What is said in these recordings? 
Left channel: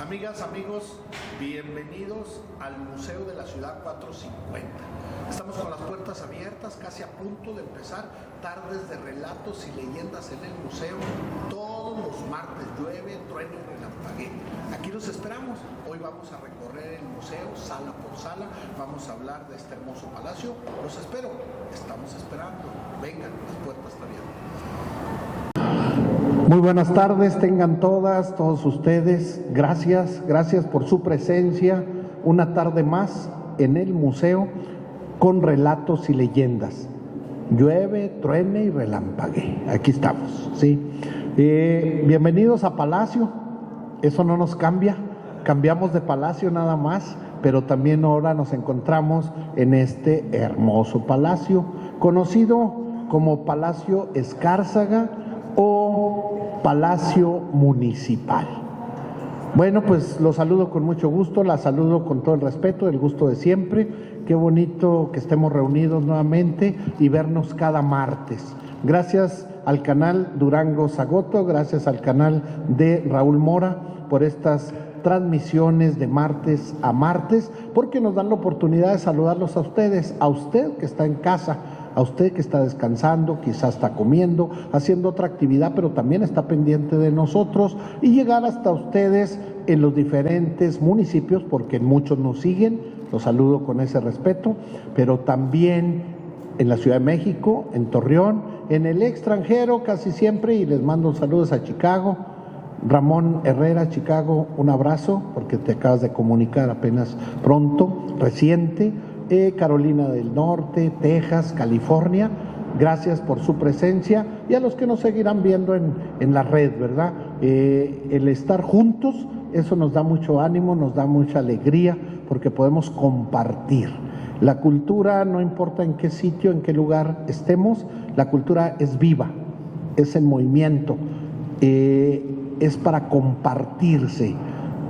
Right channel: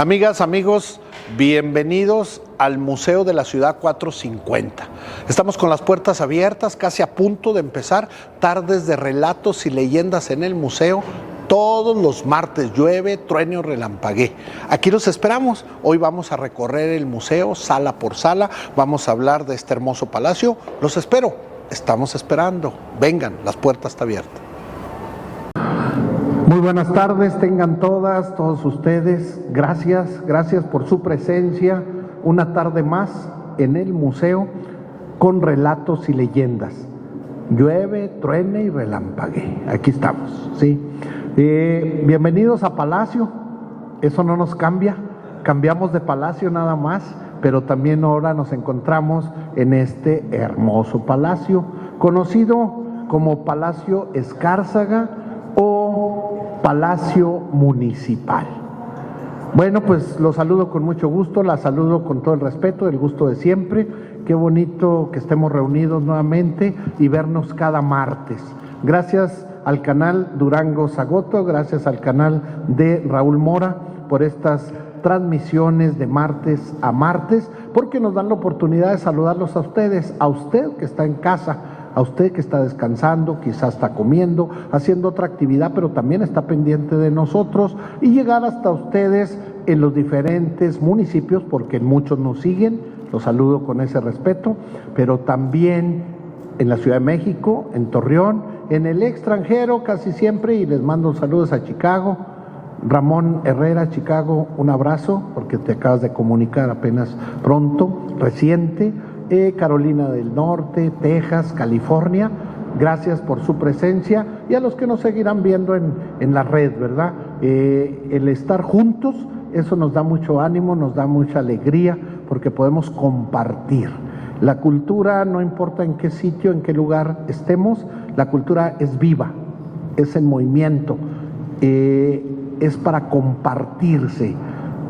Amigas, amigos, bienvenidos al Museo de la Ciudad 450. Estamos con las puertas abiertas, casi a punto de empezar tardes de relatos y leyendas en el museo. Todos los martes, llueve, truene o relampaguee. Aquí los esperamos. Hoy vamos a recorrer el museo sala por sala. Vamos a hablar de este hermoso palacio. Los espero. Estamos esperando. Vengan, las puertas están abiertas. Muy buenas tardes, tengan todos ustedes. Gracias por su presencia. Una tarde más en el museo con relatos y leyendas. Llueve, truene y relampaguee. Aquí estamos, ¿sí? Bienvenidos a Palacio. Eso no nos cambia. Cambiamos de palacio nada más, pero también ahora nos encontramos en este hermoso palacio, conocido como Palacio Escárzaga o Palacio Municipal. Bueno, pues los saludo con mucho gusto, la saludo con todo el respeto, el gusto de siempre. Qué bonito que estemos reunidos nuevamente y vernos cada martes. Gracias al canal Durango Zagoto, gracias al canal de Raúl Mora por estas transmisiones de martes a martes, porque nos dan la oportunidad de saludarlos a ustedes, a usted que está en casa, a usted que está descansando, quizás está comiendo, haciendo otra actividad, pero también está pendiente de nosotros, y llegar hasta ustedes en los diferentes municipios, porque en muchos nos siguen, los saludo con ese respeto, pero también en la Ciudad de México, en Torreón, en el extranjero casi siempre, y les mando saludos a Chicago. Ramón Herrera, Chicago, un abrazo, porque te acabas de comunicar apenas pronto, reciente. Carolina del Norte, Texas, California, gracias por su presencia, y a los que nos seguirán viendo en la red, ¿verdad? El estar juntos, eso nos da mucho ánimo, nos da mucha alegría, porque podemos compartir. La cultura, no importa en qué sitio, en qué lugar estemos, la cultura es viva, es en movimiento, es para compartirse,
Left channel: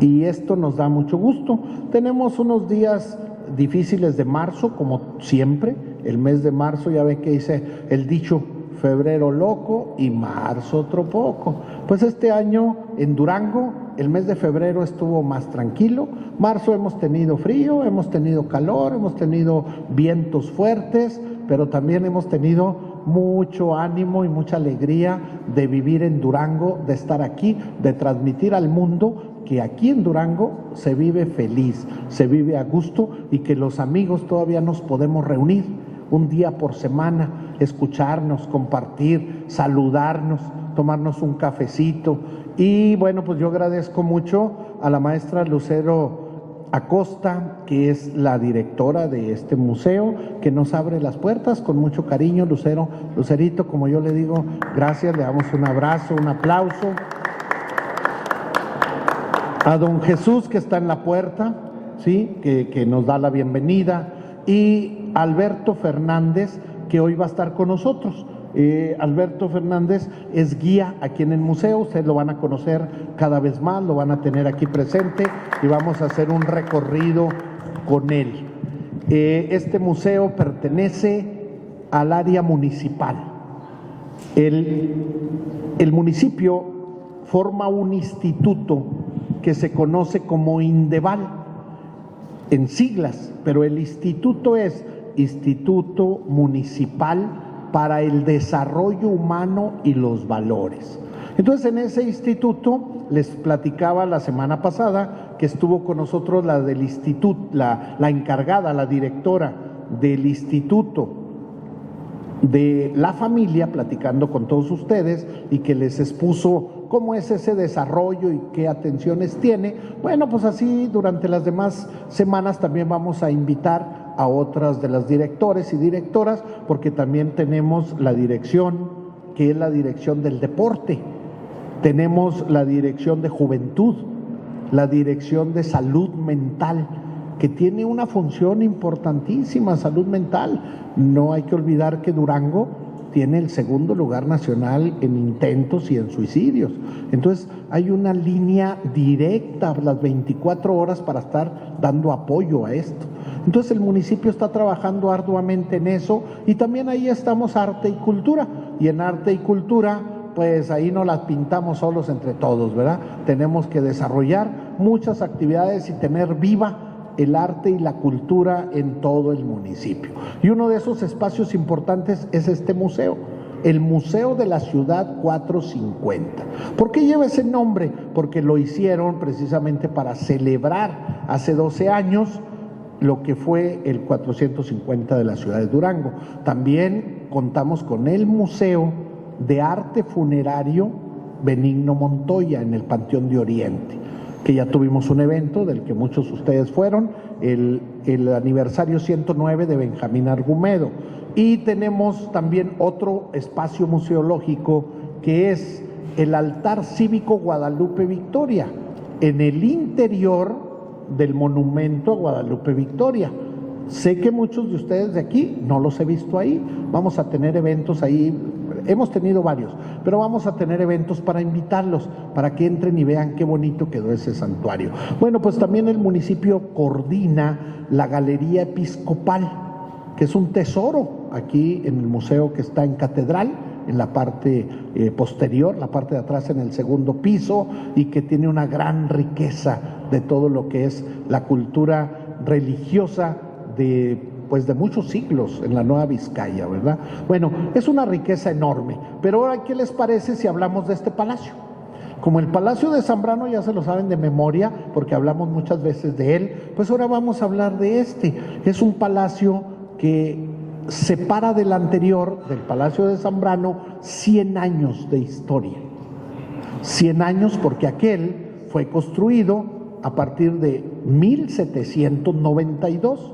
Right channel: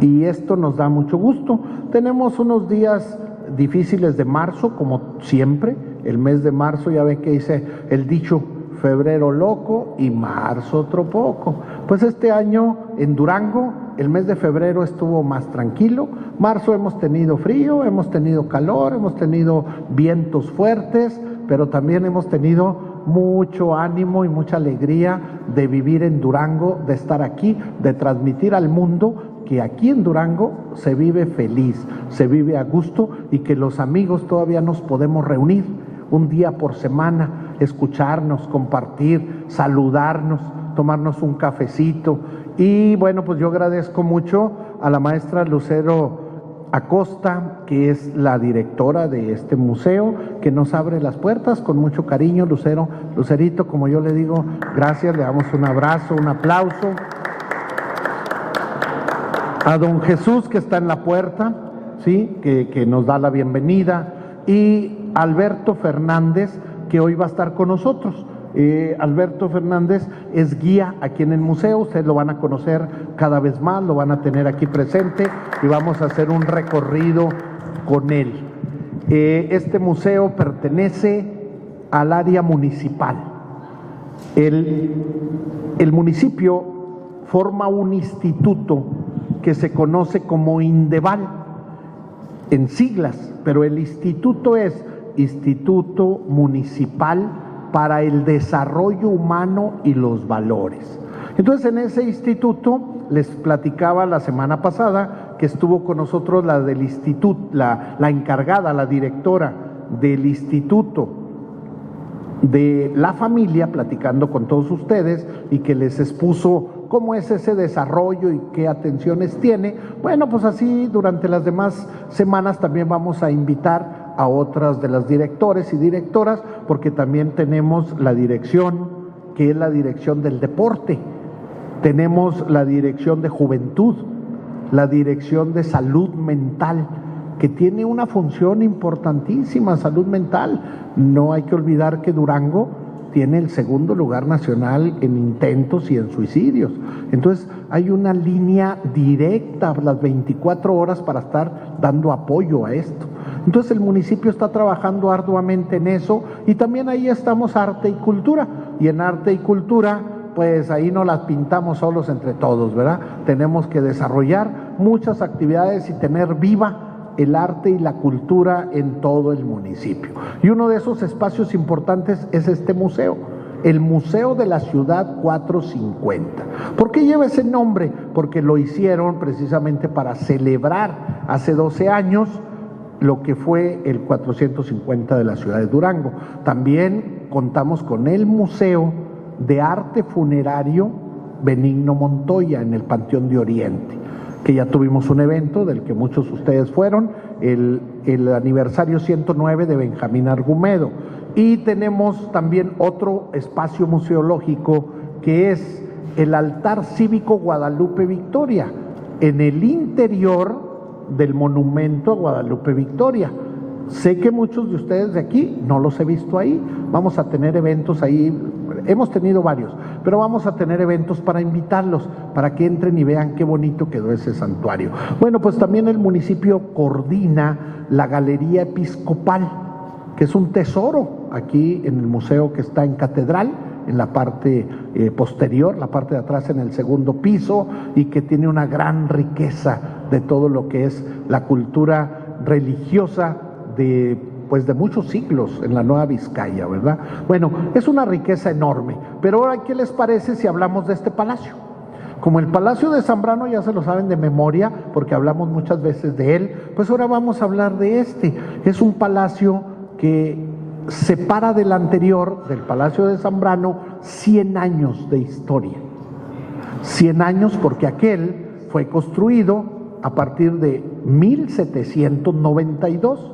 y esto nos da mucho gusto. Tenemos unos días difíciles de marzo, como siempre. El mes de marzo, ya ven que dice el dicho, febrero loco y marzo otro poco. Pues este año en Durango, el mes de febrero estuvo más tranquilo. Marzo hemos tenido frío, hemos tenido calor, hemos tenido vientos fuertes, pero también hemos tenido mucho ánimo y mucha alegría de vivir en Durango, de estar aquí, de transmitir al mundo que aquí en Durango se vive feliz, se vive a gusto, y que los amigos todavía nos podemos reunir un día por semana, escucharnos, compartir, saludarnos, tomarnos un cafecito. Y bueno, pues yo agradezco mucho a la maestra Lucero Acosta, que es la directora de este museo, que nos abre las puertas con mucho cariño. Lucerito, como yo le digo, gracias, le damos un abrazo, un aplauso. A don Jesús, que está en la puerta, ¿sí? que nos da la bienvenida, y Alberto Fernández, que hoy va a estar con nosotros. Alberto Fernández es guía aquí en el museo, ustedes lo van a conocer cada vez más, lo van a tener aquí presente, y vamos a hacer un recorrido con él. Este museo pertenece al área municipal. El municipio forma un instituto que se conoce como INDEVAL en siglas, pero el instituto es Instituto Municipal para el Desarrollo Humano y los Valores. Entonces, en ese instituto, les platicaba la semana pasada que estuvo con nosotros la del instituto, la encargada, la directora del Instituto de la Familia, platicando con todos ustedes, y que les expuso cómo es ese desarrollo y qué atenciones tiene. Bueno, pues así durante las demás semanas también vamos a invitar a otras de las directores y directoras, porque también tenemos la dirección, que es la dirección del deporte, tenemos la dirección de juventud, la dirección de salud mental, que tiene una función importantísima, salud mental. No hay que olvidar que Durango tiene el segundo lugar nacional en intentos y en suicidios. Entonces hay una línea directa las 24 horas para estar dando apoyo a esto. Entonces el municipio está trabajando arduamente en eso, y también ahí estamos arte y cultura. Y en arte y cultura pues ahí no las pintamos solos entre todos, ¿verdad? Tenemos que desarrollar muchas actividades y tener viva el arte y la cultura en todo el municipio. Y uno de esos espacios importantes es este museo, el Museo de la Ciudad 450. ¿Por qué lleva ese nombre? Porque lo hicieron precisamente para celebrar hace 12 años lo que fue el 450 de la ciudad de Durango. También contamos con el Museo de Arte Funerario Benigno Montoya en el Panteón de Oriente, que ya tuvimos un evento del que muchos de ustedes fueron, el aniversario 109 de Benjamín Argumedo. Y tenemos también otro espacio museológico que es el Altar Cívico Guadalupe Victoria, en el interior del monumento a Guadalupe Victoria. Sé que muchos de ustedes de aquí no los he visto ahí. Vamos a tener eventos ahí, hemos tenido varios, pero vamos a tener eventos para invitarlos, para que entren y vean qué bonito quedó ese santuario. Bueno, pues también el municipio coordina la Galería Episcopal, que es un tesoro aquí en el museo que está en Catedral, en la parte posterior, la parte de atrás en el segundo piso, y que tiene una gran riqueza de todo lo que es la cultura religiosa de muchos siglos en la Nueva Vizcaya, ¿verdad? Bueno, es una riqueza enorme, pero ahora, ¿qué les parece si hablamos de este palacio? Como el Palacio de Zambrano ya se lo saben de memoria, porque hablamos muchas veces de él, pues ahora vamos a hablar de este. Es un palacio que separa del anterior, del Palacio de Zambrano, 100 años de historia. 100 años porque aquel fue construido a partir de 1792.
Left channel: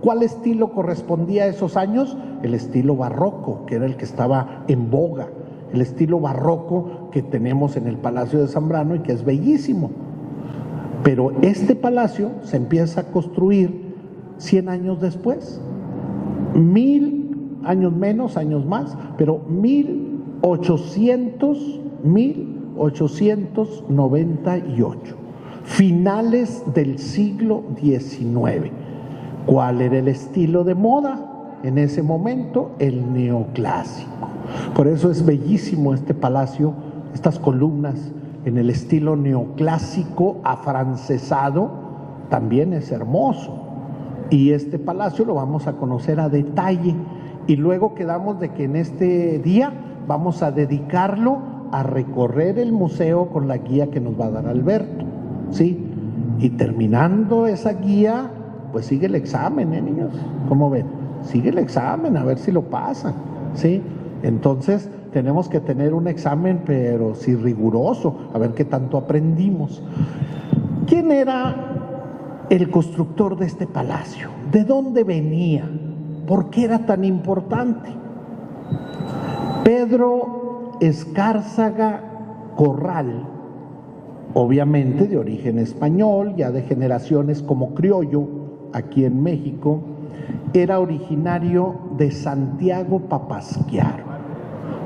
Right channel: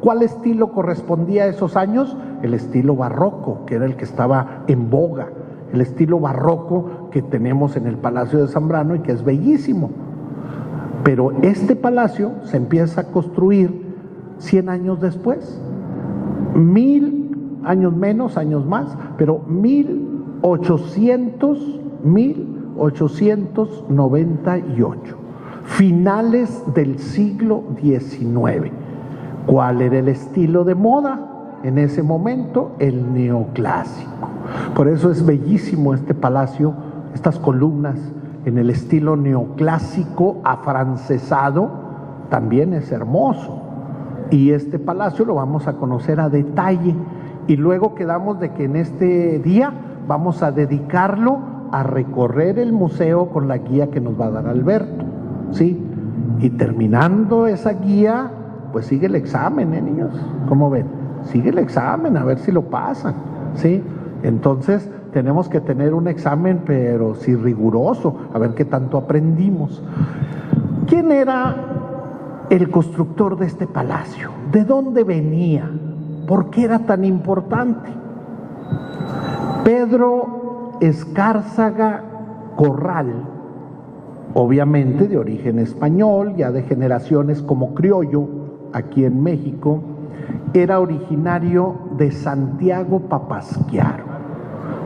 ¿Cuál estilo correspondía a esos años? El estilo barroco, que era el que estaba en boga, el estilo barroco que tenemos en el Palacio de Zambrano y que es bellísimo. Pero este palacio se empieza a construir 100 años después. 1000 años menos, años más, pero 1898, finales del siglo XIX. ¿Cuál era el estilo de moda en ese momento? El neoclásico. Por eso es bellísimo este palacio, estas columnas en el estilo neoclásico afrancesado, también es hermoso. Y este palacio lo vamos a conocer a detalle, y luego quedamos de que en este día vamos a dedicarlo a recorrer el museo con la guía que nos va a dar Alberto, ¿sí? Y terminando esa guía, pues sigue el examen, niños, ¿cómo ven? Sigue el examen, a ver si lo pasan, ¿sí? Entonces tenemos que tener un examen, pero sí riguroso, a ver qué tanto aprendimos. ¿Quién era el constructor de este palacio? ¿De dónde venía? ¿Por qué era tan importante? Pedro Escárzaga Corral, obviamente de origen español, ya de generaciones como criollo aquí en México, era originario de Santiago Papasquiaro.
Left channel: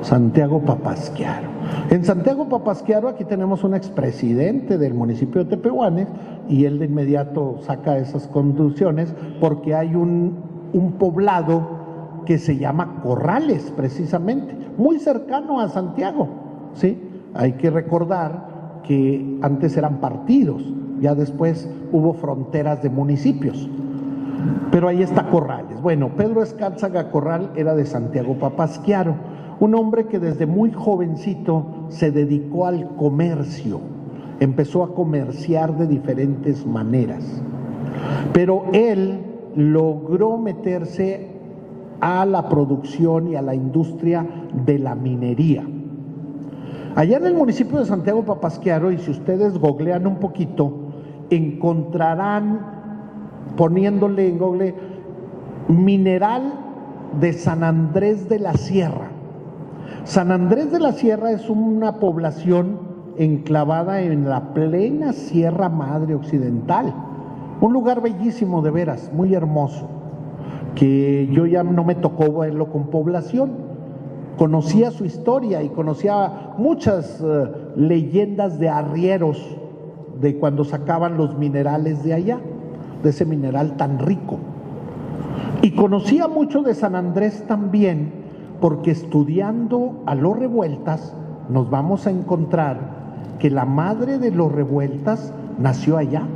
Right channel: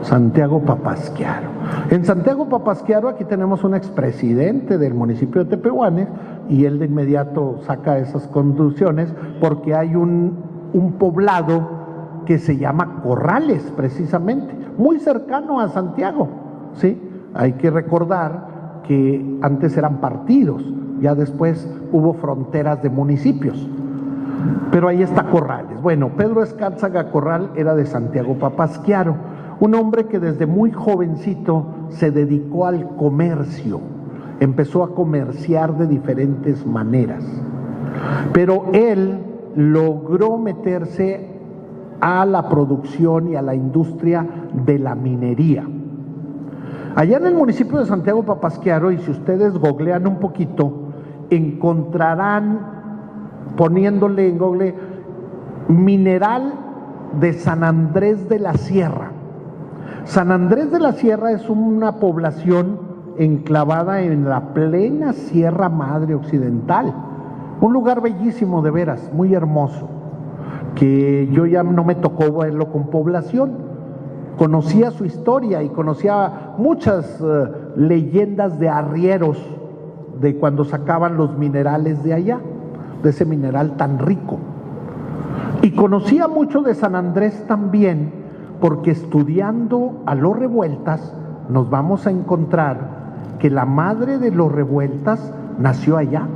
Santiago Papasquiaro. En Santiago Papasquiaro aquí tenemos un expresidente del municipio de Tepehuanes, y él de inmediato saca esas conclusiones porque hay un poblado que se llama Corrales, precisamente, muy cercano a Santiago, ¿sí? Hay que recordar que antes eran partidos, ya después hubo fronteras de municipios, pero ahí está Corrales. Bueno, Pedro Escárzaga Corral era de Santiago Papasquiaro, un hombre que desde muy jovencito se dedicó al comercio, empezó a comerciar de diferentes maneras, pero él logró meterse a la producción y a la industria de la minería. Allá en el municipio de Santiago Papasquiaro, y si ustedes googlean un poquito, encontrarán, poniéndole en Google, mineral de San Andrés de la Sierra. San Andrés de la Sierra es una población enclavada en la plena Sierra Madre Occidental, un lugar bellísimo, de veras, muy hermoso, que yo ya no me tocó verlo con población. Conocía su historia y conocía muchas leyendas de arrieros, de cuando sacaban los minerales de allá, de ese mineral tan rico. Y conocía mucho de San Andrés también, porque estudiando a los Revueltas nos vamos a encontrar que la madre de los Revueltas nació allá.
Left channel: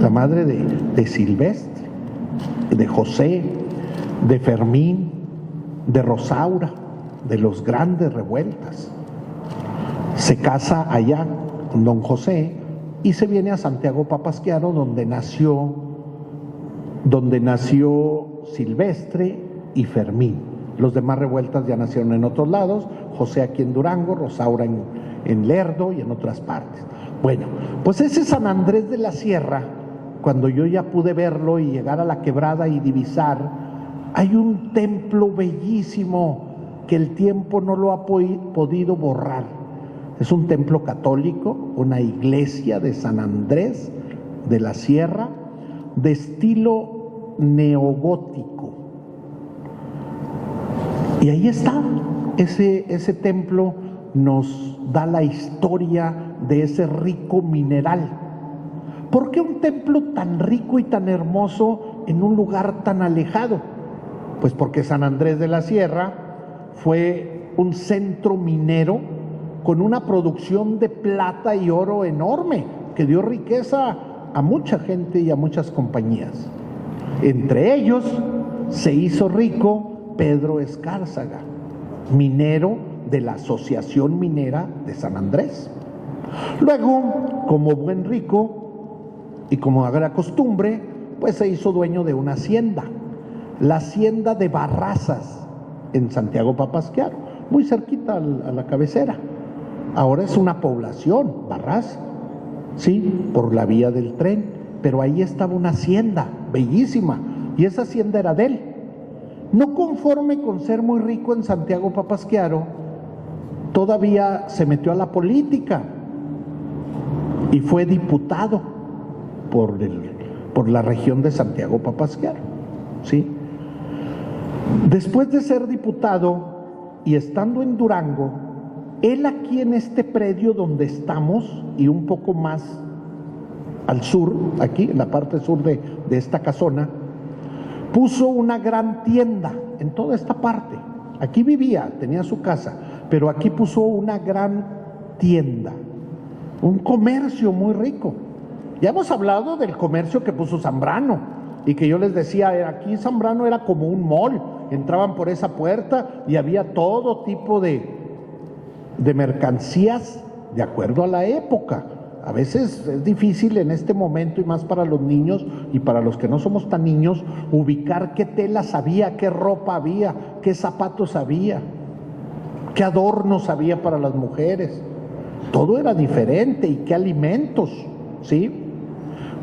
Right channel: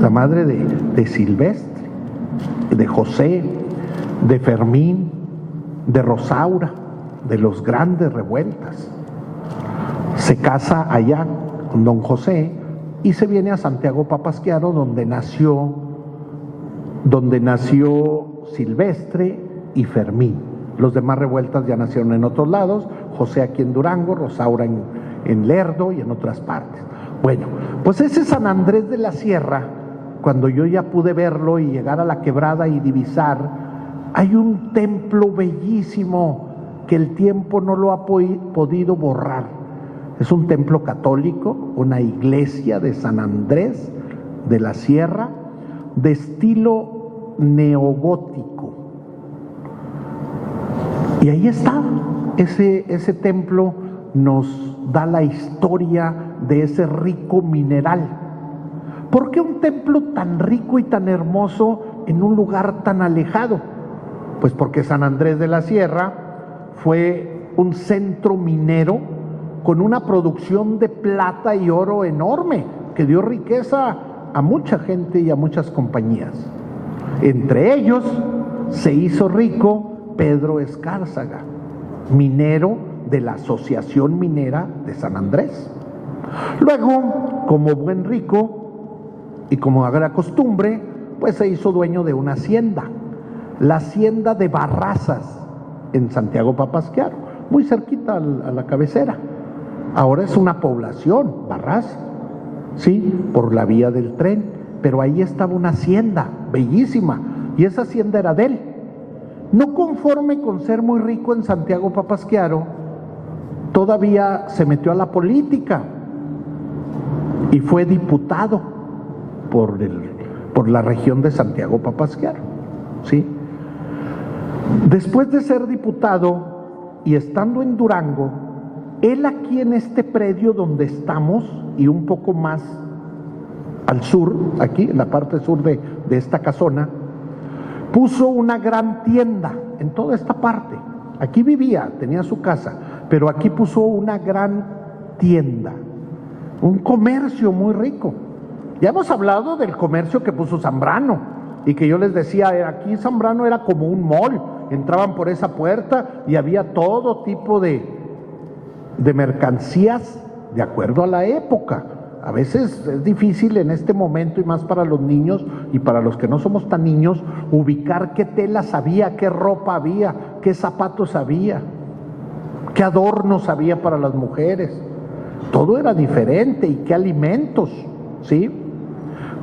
La madre de Silvestre, de José, de Fermín, de Rosaura, de los grandes Revueltas. Se casa allá con don José y se viene a Santiago Papasquiaro, donde nació Silvestre y Fermín. Los demás Revueltas ya nacieron en otros lados, José aquí en Durango, Rosaura en Lerdo y en otras partes. Bueno, pues ese San Andrés de la Sierra, cuando yo ya pude verlo y llegar a la quebrada y divisar, hay un templo bellísimo que el tiempo no lo ha podido borrar. Es un templo católico, una iglesia de San Andrés de la Sierra, de estilo neogótico. Y ahí está, ese templo nos da la historia de ese rico mineral. ¿Por qué un templo tan rico y tan hermoso en un lugar tan alejado? Pues porque San Andrés de la Sierra fue un centro minero con una producción de plata y oro enorme, que dio riqueza a mucha gente y a muchas compañías. Entre ellos se hizo rico Pedro Escárzaga, minero de la Asociación Minera de San Andrés. Luego, como buen rico y como era costumbre, pues se hizo dueño de una hacienda, la hacienda de Barrazas, en Santiago Papasquiaro, muy cerquita a la cabecera. Ahora es una población, Barras, sí, por la vía del tren, pero ahí estaba una hacienda bellísima, y esa hacienda era de él. No conforme con ser muy rico en Santiago Papasquiaro, todavía se metió a la política y fue diputado por la región de Santiago Papasquiaro, ¿sí? Después de ser diputado y estando en Durango, él aquí en este predio donde estamos y un poco más al sur, aquí en la parte sur de esta casona, puso una gran tienda en toda esta parte. Aquí vivía, tenía su casa, pero aquí puso una gran tienda, un comercio muy rico. Ya hemos hablado del comercio que puso Zambrano y que yo les decía, aquí Zambrano era como un mall, entraban por esa puerta y había todo tipo de mercancías de acuerdo a la época. A veces es difícil en este momento, y más para los niños y para los que no somos tan niños, ubicar qué telas había, qué ropa había, qué zapatos había, qué adornos había para las mujeres. Todo era diferente, y qué alimentos, ¿sí?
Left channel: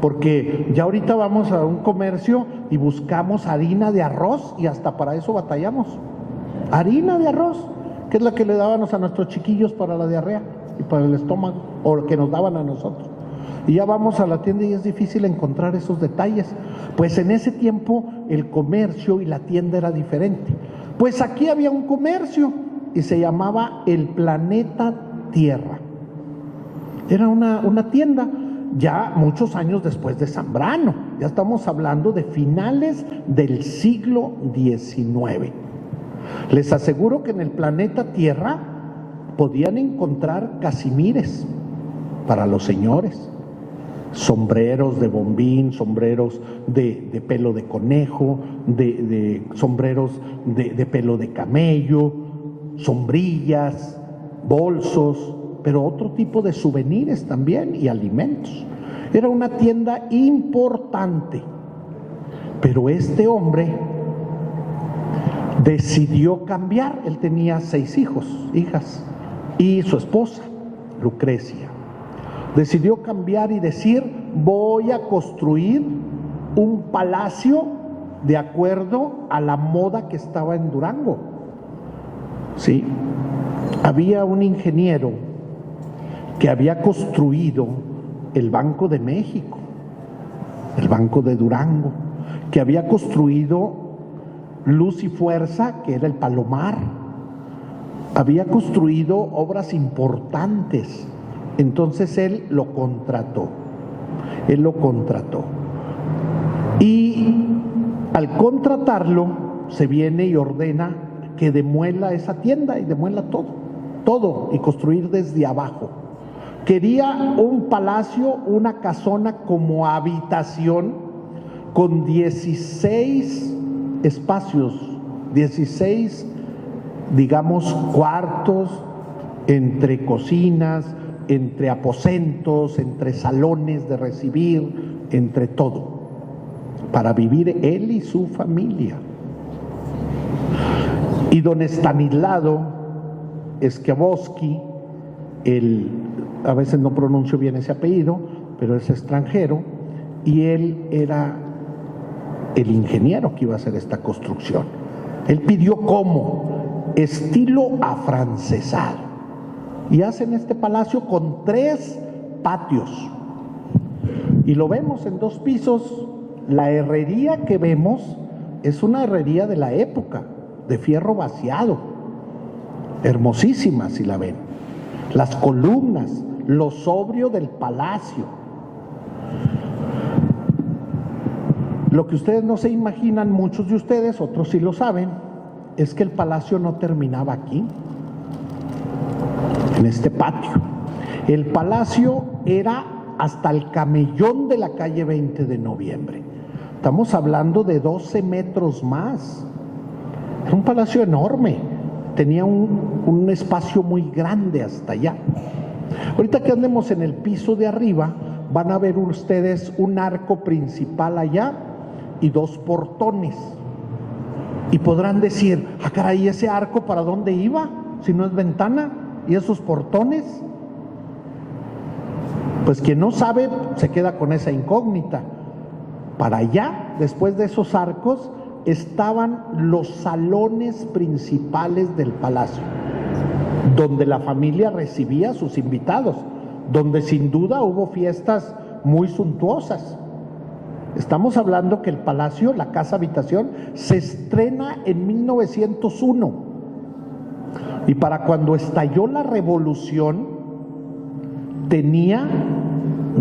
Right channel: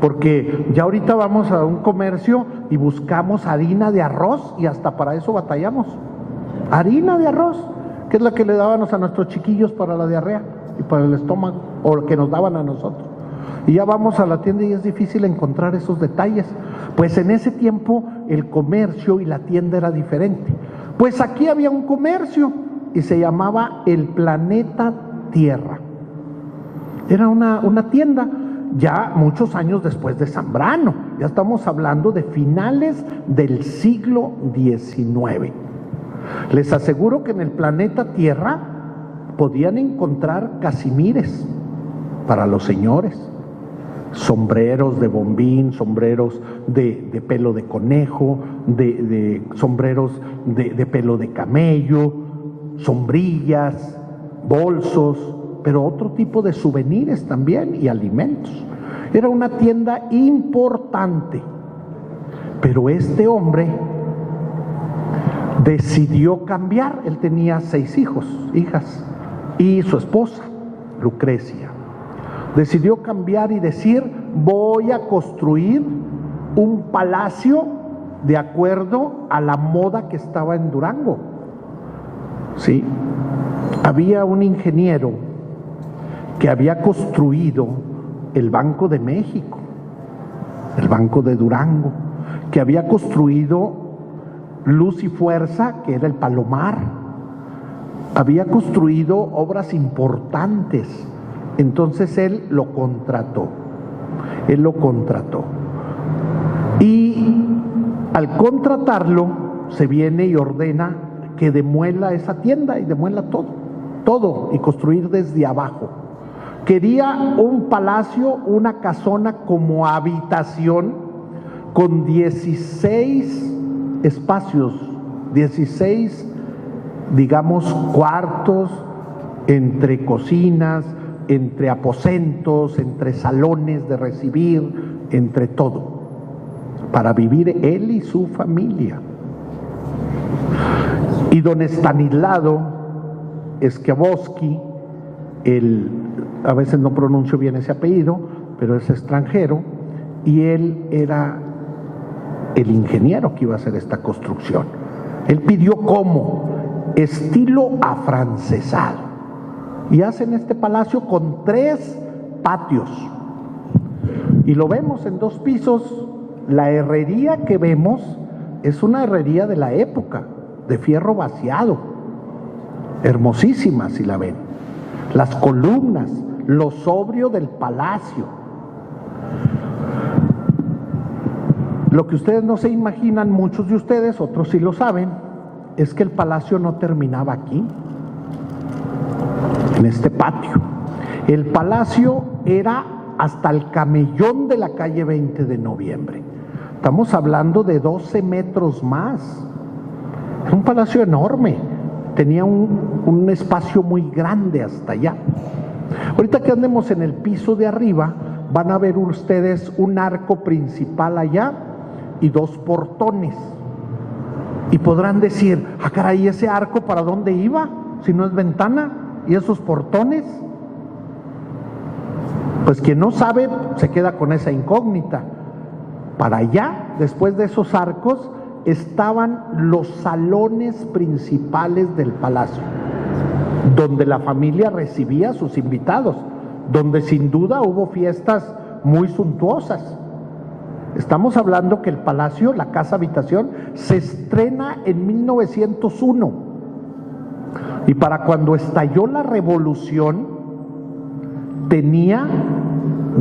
Porque ya ahorita vamos a un comercio y buscamos harina de arroz y hasta para eso batallamos. Harina de arroz, que es la que le dábamos a nuestros chiquillos para la diarrea y para el estómago, o lo que nos daban a nosotros. Y ya vamos a la tienda y es difícil encontrar esos detalles. Pues en ese tiempo el comercio y la tienda era diferente. Pues aquí había un comercio y se llamaba El Planeta Tierra. Era una tienda ya muchos años después de Zambrano. Ya estamos hablando de finales del siglo XIX. Les aseguro que en el Planeta Tierra podían encontrar casimires para los señores, sombreros de bombín, sombreros de pelo de conejo, de sombreros de pelo de camello, sombrillas, bolsos, pero otro tipo de souvenirs también y alimentos. Era una tienda importante, pero este hombre decidió cambiar. Él tenía 6 hijas, y su esposa, Lucrecia. Decidió cambiar y decir, voy a construir un palacio de acuerdo a la moda que estaba en Durango. Sí, había un ingeniero que había construido el Banco de México, el Banco de Durango, que había construido Luz y Fuerza, que era el Palomar, había construido obras importantes. Entonces él lo contrató. Y al contratarlo, se viene y ordena que demuela esa tienda y demuela todo. todo, y construir desde abajo. Quería un palacio, una casona como habitación con 16 espacios, 16, digamos, cuartos, entre cocinas, entre aposentos, entre salones de recibir, entre todo, para vivir él y su familia. Y don Estanislao Schiavosky, a veces no pronuncio bien ese apellido, pero es extranjero, y él era el ingeniero que iba a hacer esta construcción. Él pidió como estilo afrancesado, y hacen este palacio con 3 patios, y lo vemos en 2 pisos. La herrería que vemos es una herrería de la época, de fierro vaciado, hermosísima si la ven. Las columnas, lo sobrio del palacio. Lo que ustedes no se imaginan, muchos de ustedes, otros sí lo saben, es que el palacio no terminaba aquí, en este patio. El palacio era hasta el camellón de la calle 20 de noviembre. Estamos hablando de 12 metros más. Era un palacio enorme, tenía un espacio muy grande hasta allá. Ahorita que andemos en el piso de arriba, van a ver ustedes un arco principal allá y 2 portones. Y podrán decir, ah caray, ¿ese arco para dónde iba? Si no es ventana. ¿Y esos portones? Pues quien no sabe se queda con esa incógnita. Para allá, después de esos arcos, estaban los salones principales del palacio, donde la familia recibía a sus invitados, donde sin duda hubo fiestas muy suntuosas. Estamos hablando que el palacio, la casa habitación, se estrena en 1901. Y para cuando estalló la revolución, tenía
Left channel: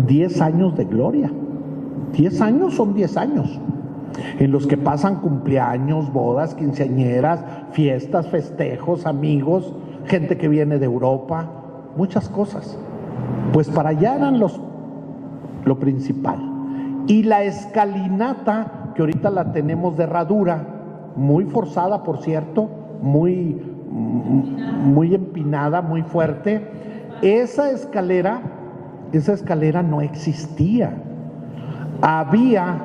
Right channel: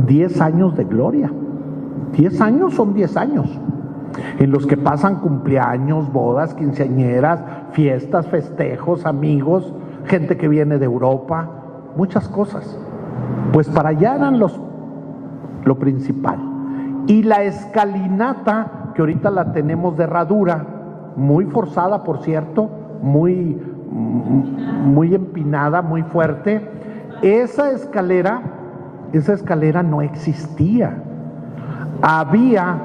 10 años de gloria. 10 años son 10 años, en los que pasan cumpleaños, bodas, quinceañeras, fiestas, festejos, amigos, gente que viene de Europa, muchas cosas. Pues para allá eran lo principal. Y la escalinata, que ahorita la tenemos de herradura, muy forzada, por cierto, muy empinada, muy fuerte. Esa escalera no existía. Había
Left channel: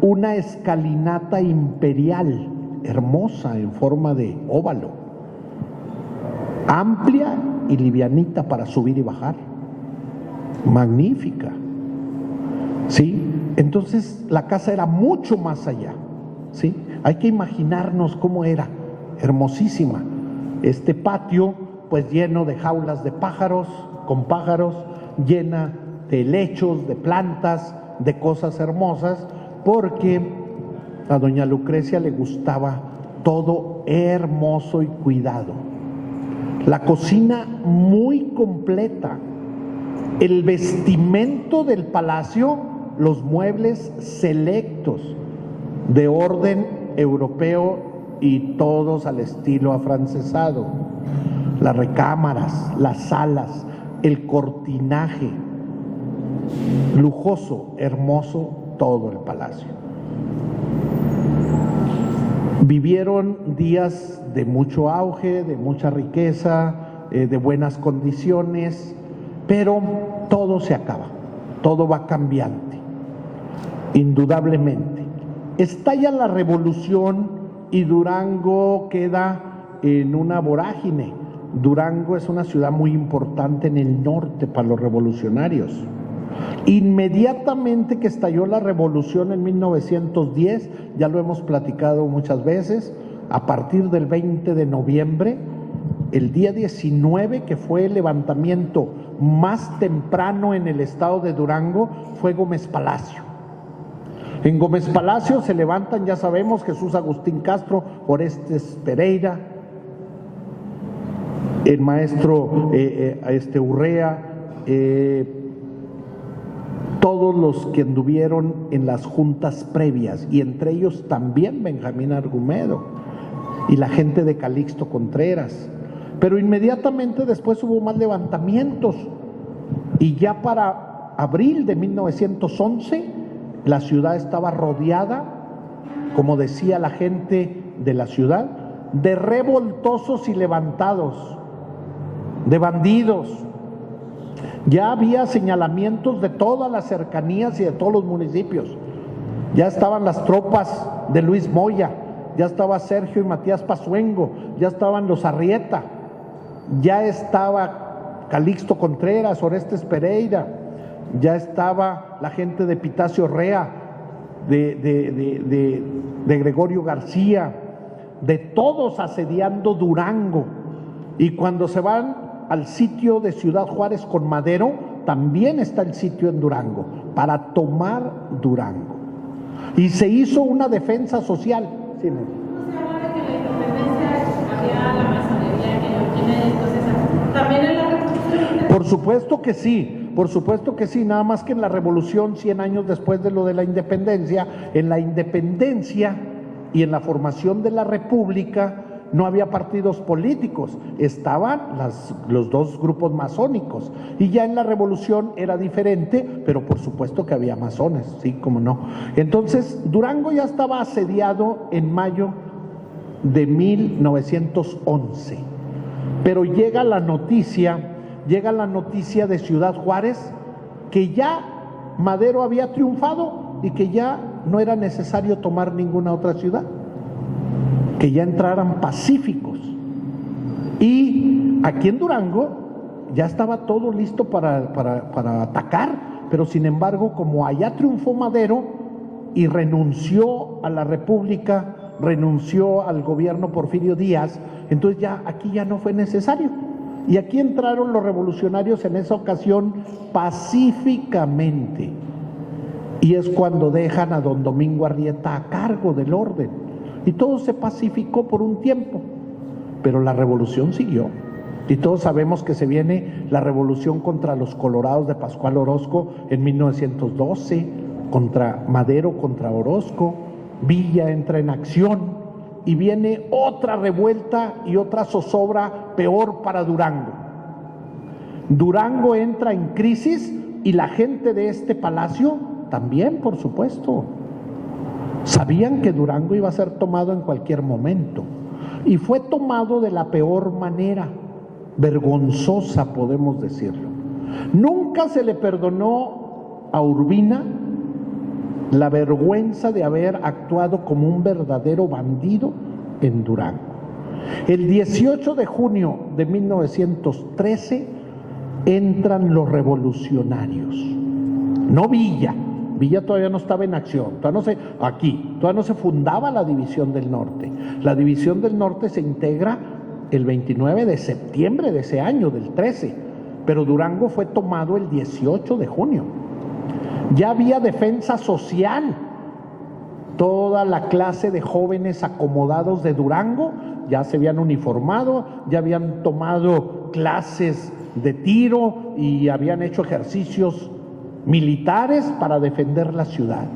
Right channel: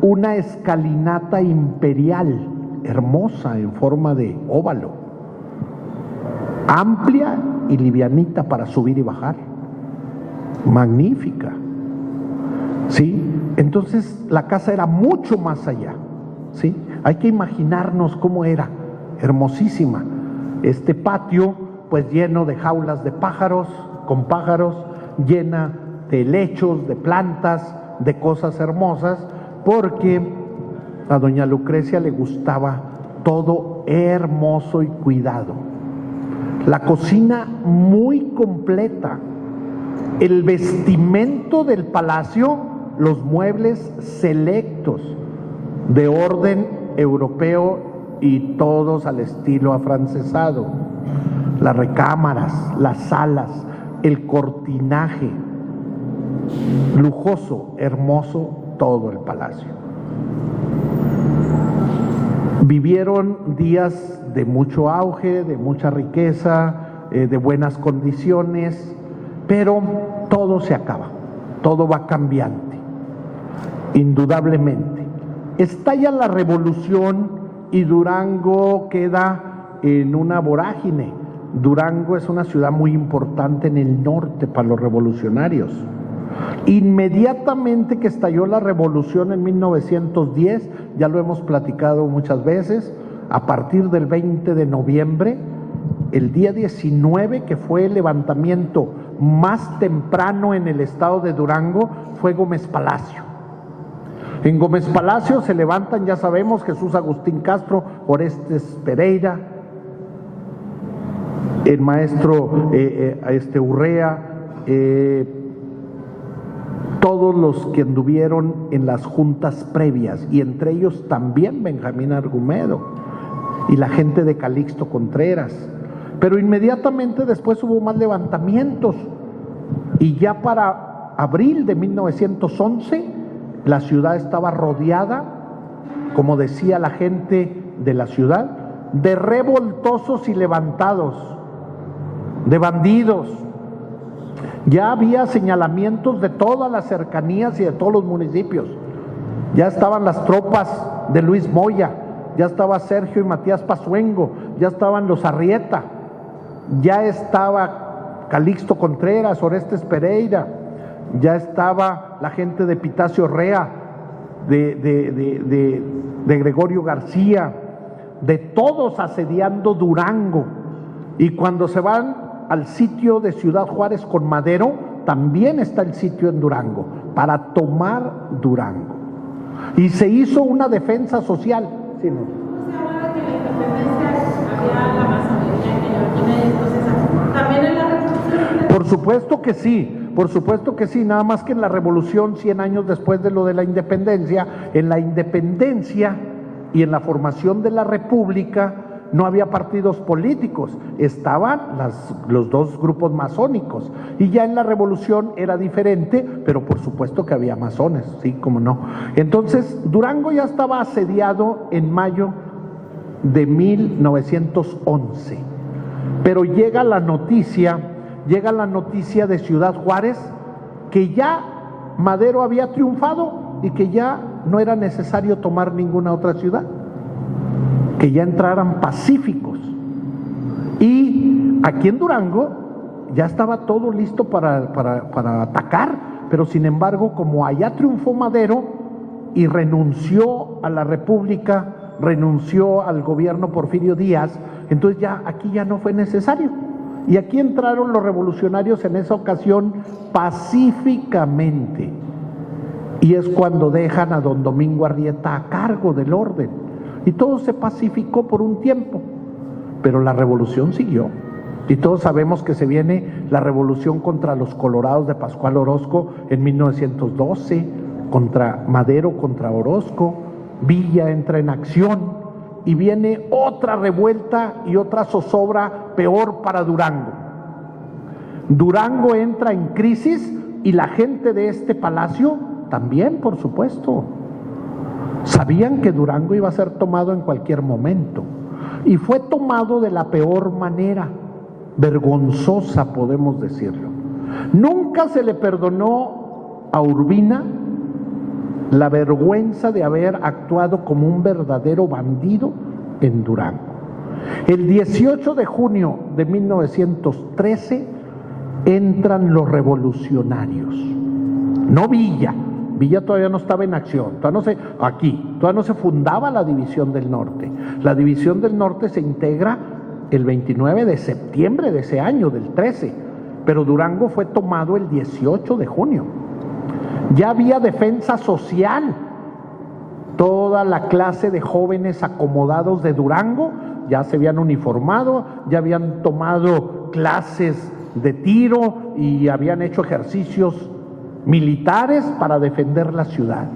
una escalinata imperial, hermosa, en forma de óvalo, amplia y livianita para subir y bajar, magnífica. ¿Sí? Entonces la casa era mucho más allá. ¿Sí? Hay que imaginarnos cómo era, hermosísima. Este patio, pues lleno de jaulas de pájaros, con pájaros, llena de helechos, de plantas, de cosas hermosas, porque a doña Lucrecia le gustaba todo hermoso y cuidado. La cocina muy completa, el vestimento del palacio, los muebles selectos de orden europeo y todos al estilo afrancesado, las recámaras, las salas, el cortinaje, lujoso, hermoso, todo el palacio. Vivieron días de mucho auge, de mucha riqueza, de buenas condiciones, pero todo se acaba, todo va cambiante, indudablemente. Estalla la revolución y Durango queda en una vorágine. Durango es una ciudad muy importante en el norte para los revolucionarios. Inmediatamente que estalló la revolución en 1910, ya lo hemos platicado muchas veces, a partir del 20 de noviembre, el día 19, que fue el levantamiento más temprano en el estado de Durango, fue Gómez Palacio. En Gómez Palacio se levantan, ya sabemos, Jesús Agustín Castro, Orestes Pereira, el maestro Urrea, todos los que anduvieron en las juntas previas, y entre ellos también Benjamín Argumedo y la gente de Calixto Contreras. Pero inmediatamente después hubo más levantamientos y ya para abril de 1911 la ciudad estaba rodeada, como decía la gente de la ciudad, de revoltosos y levantados, de bandidos. Ya había señalamientos de todas las cercanías y de todos los municipios. Ya estaban las tropas de Luis Moya, ya estaba Sergio y Matías Pazuengo, ya estaban los Arrieta, ya estaba Calixto Contreras, Orestes Pereira, ya estaba la gente de Pitacio Rea, de Gregorio García, de todos asediando Durango. Y cuando se van al sitio de Ciudad Juárez con Madero, también está el sitio en Durango, para tomar Durango. Y se hizo una defensa social. Sí, ¿no? Se habla de que la independencia había la masonería que no tiene cosas. ¿También en la revolución? Por supuesto que sí, nada más que en la revolución, 100 años después de lo de la independencia, en la independencia y en la formación de la república no había partidos políticos, estaban los dos grupos masónicos, y ya en la revolución era diferente, pero por supuesto que había masones, sí, cómo no. Entonces Durango ya estaba asediado en mayo de 1911, pero llega la noticia de Ciudad Juárez que ya Madero había triunfado y que ya no era necesario tomar ninguna otra ciudad, que ya entraran pacíficos. Y aquí en Durango ya estaba todo listo para atacar, pero sin embargo, como allá triunfó Madero y renunció a la República, renunció al gobierno Porfirio Díaz, entonces ya aquí ya no fue necesario. Y aquí entraron los revolucionarios en esa ocasión pacíficamente. Y es cuando dejan a don Domingo Arrieta a cargo del orden. Y todo se pacificó por un tiempo, pero la revolución siguió. Y todos sabemos que se viene la revolución contra los colorados de Pascual Orozco en 1912, contra Madero, contra Orozco. Villa entra en acción y viene otra revuelta y otra zozobra peor para Durango. Durango entra en crisis y la gente de este palacio también, por supuesto. Sabían que Durango iba a ser tomado en cualquier momento, y fue tomado de la peor manera, vergonzosa, podemos decirlo. Nunca se le perdonó a Urbina la vergüenza de haber actuado como un verdadero bandido en Durango. El 18 de junio de 1913 entran los revolucionarios, no Villa. Villa todavía no estaba en acción, todavía no se fundaba la División del Norte. La División del Norte se integra el 29 de septiembre de ese año, del 13, pero Durango fue tomado el 18 de junio. Ya había defensa social. Toda la clase de jóvenes acomodados de Durango ya se habían uniformado, ya habían tomado clases de tiro y habían hecho ejercicios militares para defender la ciudad.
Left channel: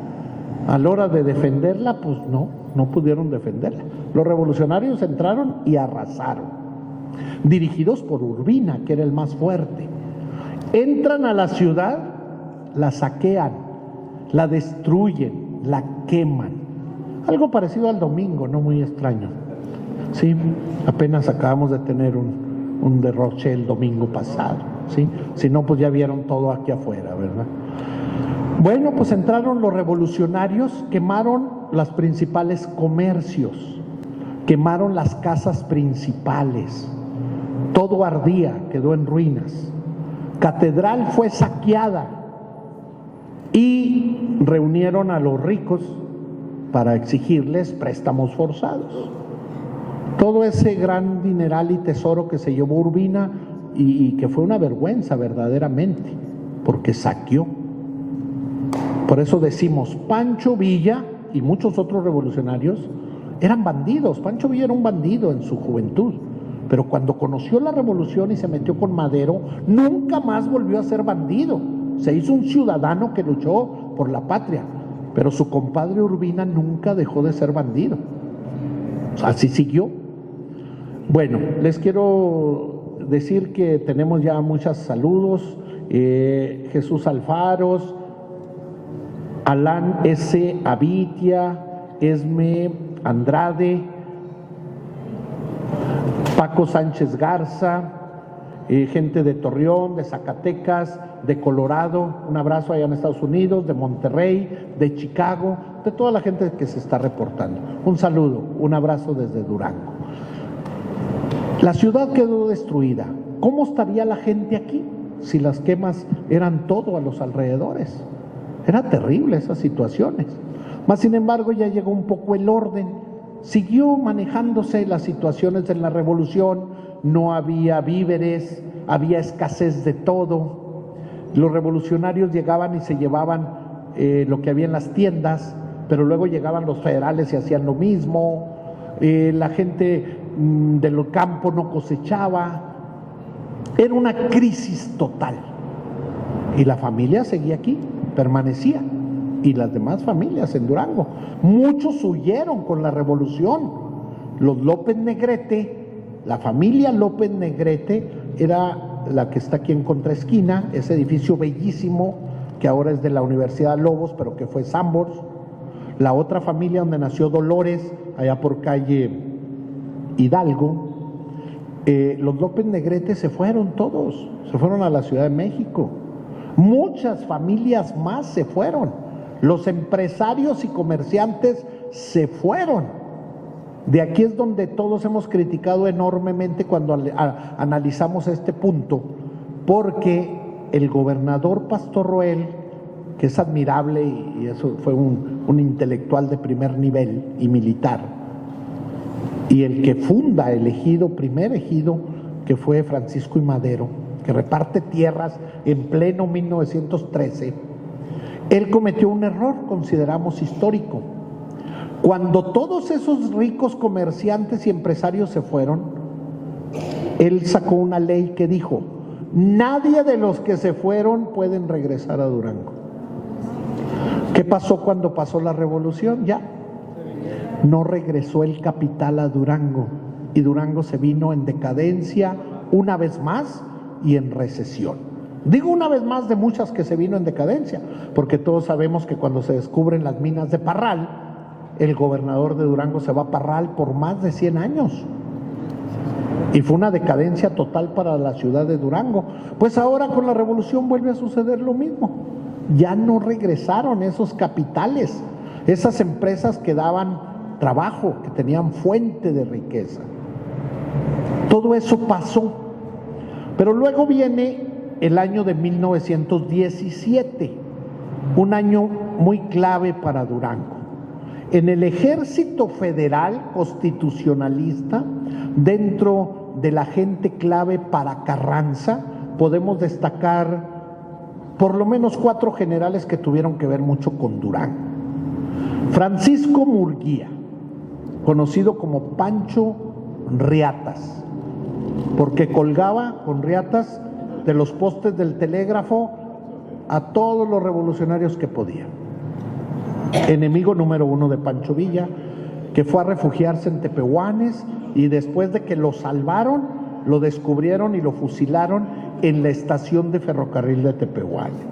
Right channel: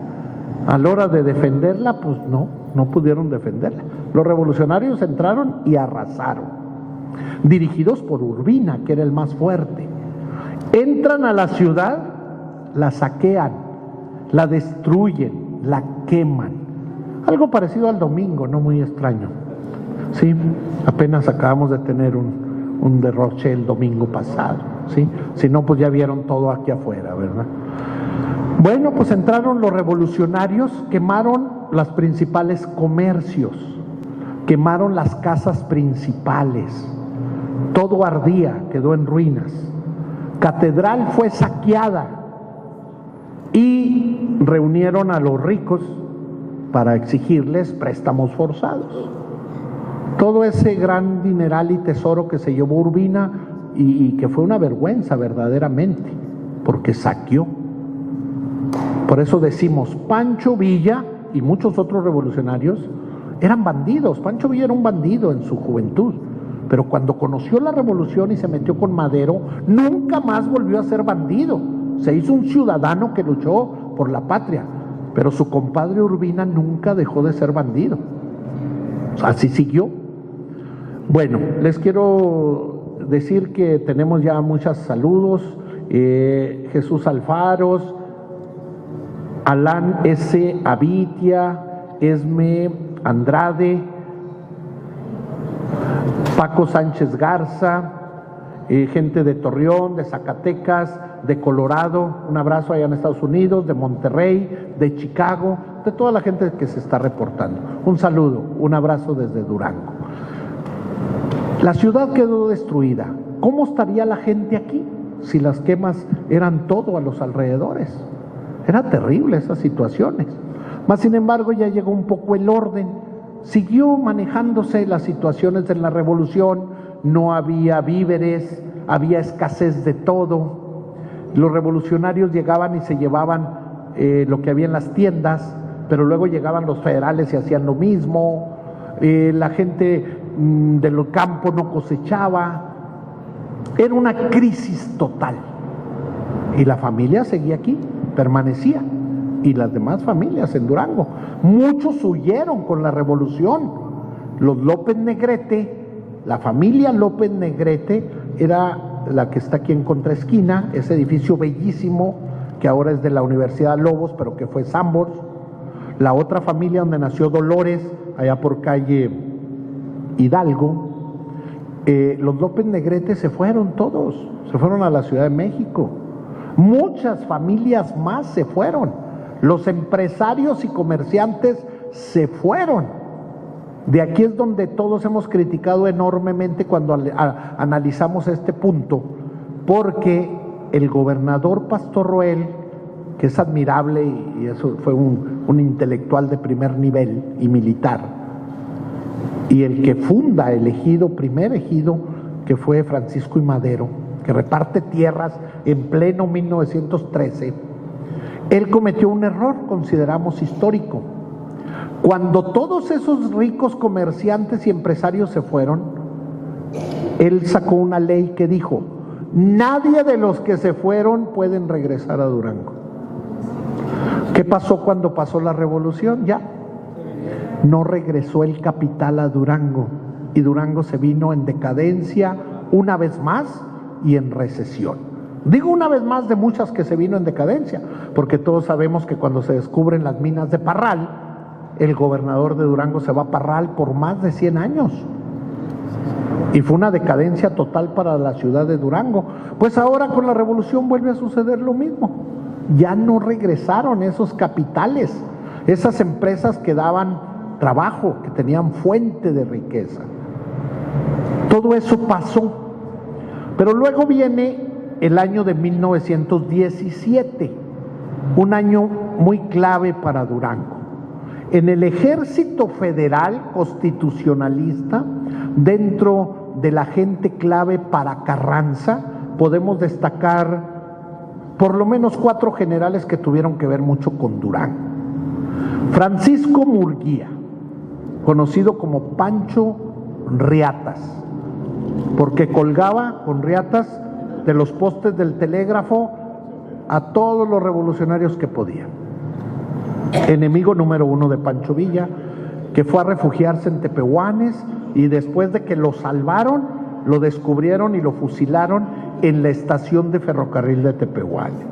A la hora de defenderla, pues no pudieron defenderla. Los revolucionarios entraron y arrasaron, dirigidos por Urbina, que era el más fuerte. Entran a la ciudad, la saquean, la destruyen, la queman. Algo parecido al domingo, no muy extraño. Sí, apenas acabamos de tener un derroche el domingo pasado, ¿sí? Si no, pues ya vieron todo aquí afuera, ¿verdad? Bueno, pues entraron los revolucionarios, quemaron los principales comercios, quemaron las casas principales, todo ardía, quedó en ruinas. Catedral fue saqueada y reunieron a los ricos para exigirles préstamos forzados. Todo ese gran dineral y tesoro que se llevó Urbina y que fue una vergüenza verdaderamente, porque saqueó. Por eso decimos, Pancho Villa y muchos otros revolucionarios eran bandidos. Pancho Villa era un bandido en su juventud, pero cuando conoció la revolución y se metió con Madero, nunca más volvió a ser bandido. Se hizo un ciudadano que luchó por la patria, pero su compadre Urbina nunca dejó de ser bandido. Así siguió. Bueno, les quiero decir que tenemos ya muchos saludos. Jesús Alfaros, Alan S. Avitia, Esme Andrade, Paco Sánchez Garza, gente de Torreón, de Zacatecas, de Colorado, un abrazo allá en Estados Unidos, de Monterrey, de Chicago, de toda la gente que se está reportando. Un saludo, un abrazo desde Durango. La ciudad quedó destruida. ¿Cómo estaría la gente aquí si las quemas eran todo a los alrededores? Era terrible esas situaciones. Mas, sin embargo, ya llegó un poco el orden. Siguió manejándose las situaciones de la revolución. No había víveres, había escasez de todo. Los revolucionarios llegaban y se llevaban lo que había en las tiendas, pero luego llegaban los federales y hacían lo mismo. La gente del campo no cosechaba. Era una crisis total. Y la familia seguía aquí, permanecía. Y las demás familias en Durango. Muchos huyeron con la revolución. Los López Negrete, la familia López Negrete era la que está aquí en contraesquina, ese edificio bellísimo que ahora es de la Universidad Lobos, pero que fue Sambors. La otra familia donde nació Dolores, allá por calle Hidalgo. Los López Negrete se fueron todos, se fueron a la Ciudad de México. Muchas familias más se fueron. Los empresarios y comerciantes se fueron. De aquí es donde todos hemos criticado enormemente cuando analizamos este punto, porque el gobernador Pastor Roel, que es admirable y eso fue un intelectual de primer nivel y militar, y el que funda el ejido, primer ejido, que fue Francisco I. Madero, que reparte tierras en pleno 1913, él cometió un error, consideramos histórico. Cuando todos esos ricos comerciantes y empresarios se fueron, él sacó una ley que dijo: nadie de los que se fueron pueden regresar a Durango. ¿Qué pasó cuando pasó la revolución? Ya no regresó el capital a Durango y Durango se vino en decadencia una vez más y en recesión. Digo una vez más de muchas que se vino en decadencia, porque todos sabemos que cuando se descubren las minas de Parral, el gobernador de Durango se va a Parral por más de 100 años. Y fue una decadencia total para la ciudad de Durango. Pues ahora con la revolución vuelve a suceder lo mismo. Ya no regresaron esos capitales, esas empresas que daban trabajo, que tenían fuente de riqueza. Todo eso pasó. Pero luego viene el año de 1917, un año muy clave para Durango. En el Ejército Federal Constitucionalista, dentro de la gente clave para Carranza, podemos destacar por lo menos 4 generales que tuvieron que ver mucho con Durango. Francisco Murguía, conocido como Pancho Riatas, porque colgaba con riatas de los postes del telégrafo a todos los revolucionarios que podían. Enemigo número 1 de Pancho Villa, que fue a refugiarse en Tepehuanes y después de que lo salvaron, lo descubrieron y lo fusilaron en la estación de ferrocarril de Tepehuanes.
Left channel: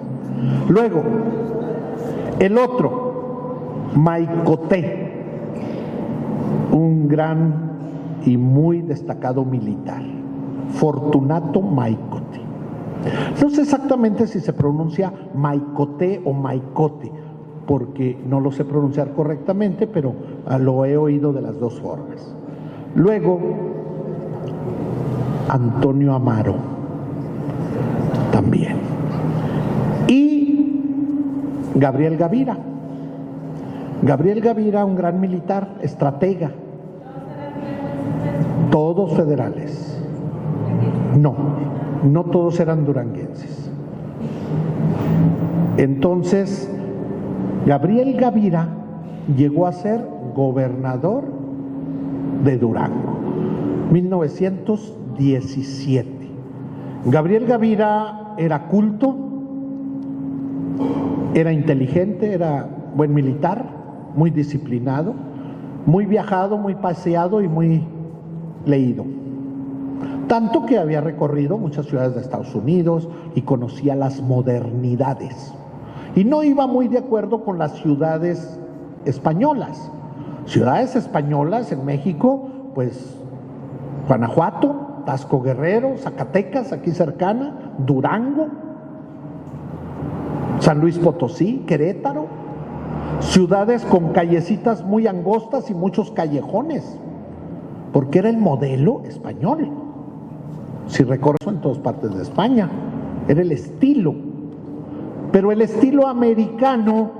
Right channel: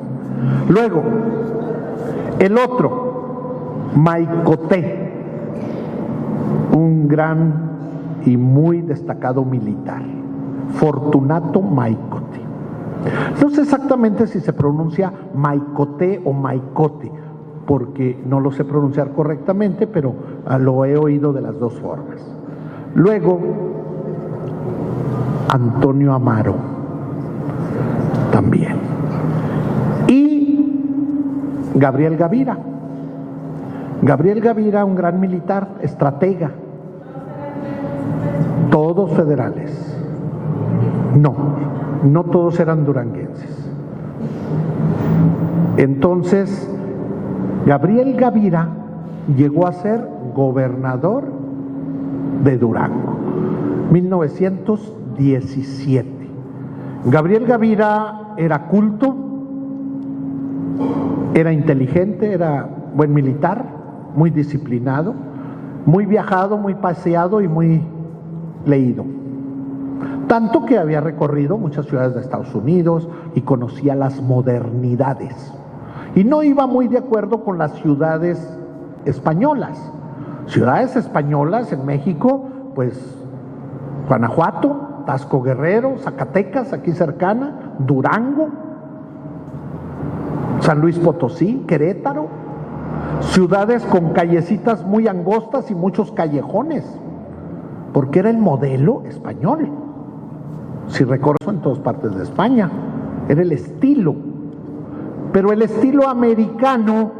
Luego, el otro, Maicoté, un gran y muy destacado militar, Fortunato Maicoté. No sé exactamente si se pronuncia Maicoté o Maicote, porque no lo sé pronunciar correctamente, pero lo he oído de las dos formas. Luego, Antonio Amaro, también. Y Gabriel Gavira. Gabriel Gavira, un gran militar, estratega. Todos federales. No todos eran duranguenses. Entonces, Gabriel Gavira llegó a ser gobernador de Durango, 1917. Gabriel Gavira era culto, era inteligente, era buen militar, muy disciplinado, muy viajado, muy paseado y muy leído. Tanto que había recorrido muchas ciudades de Estados Unidos y conocía las modernidades. Y no iba muy de acuerdo con las ciudades españolas. Ciudades españolas en México, pues Guanajuato, Tasco Guerrero, Zacatecas, aquí cercana, Durango, San Luis Potosí, Querétaro, ciudades con callecitas muy angostas y muchos callejones, porque era el modelo español. Si recorro en todas partes de España, era el estilo, pero el estilo americano,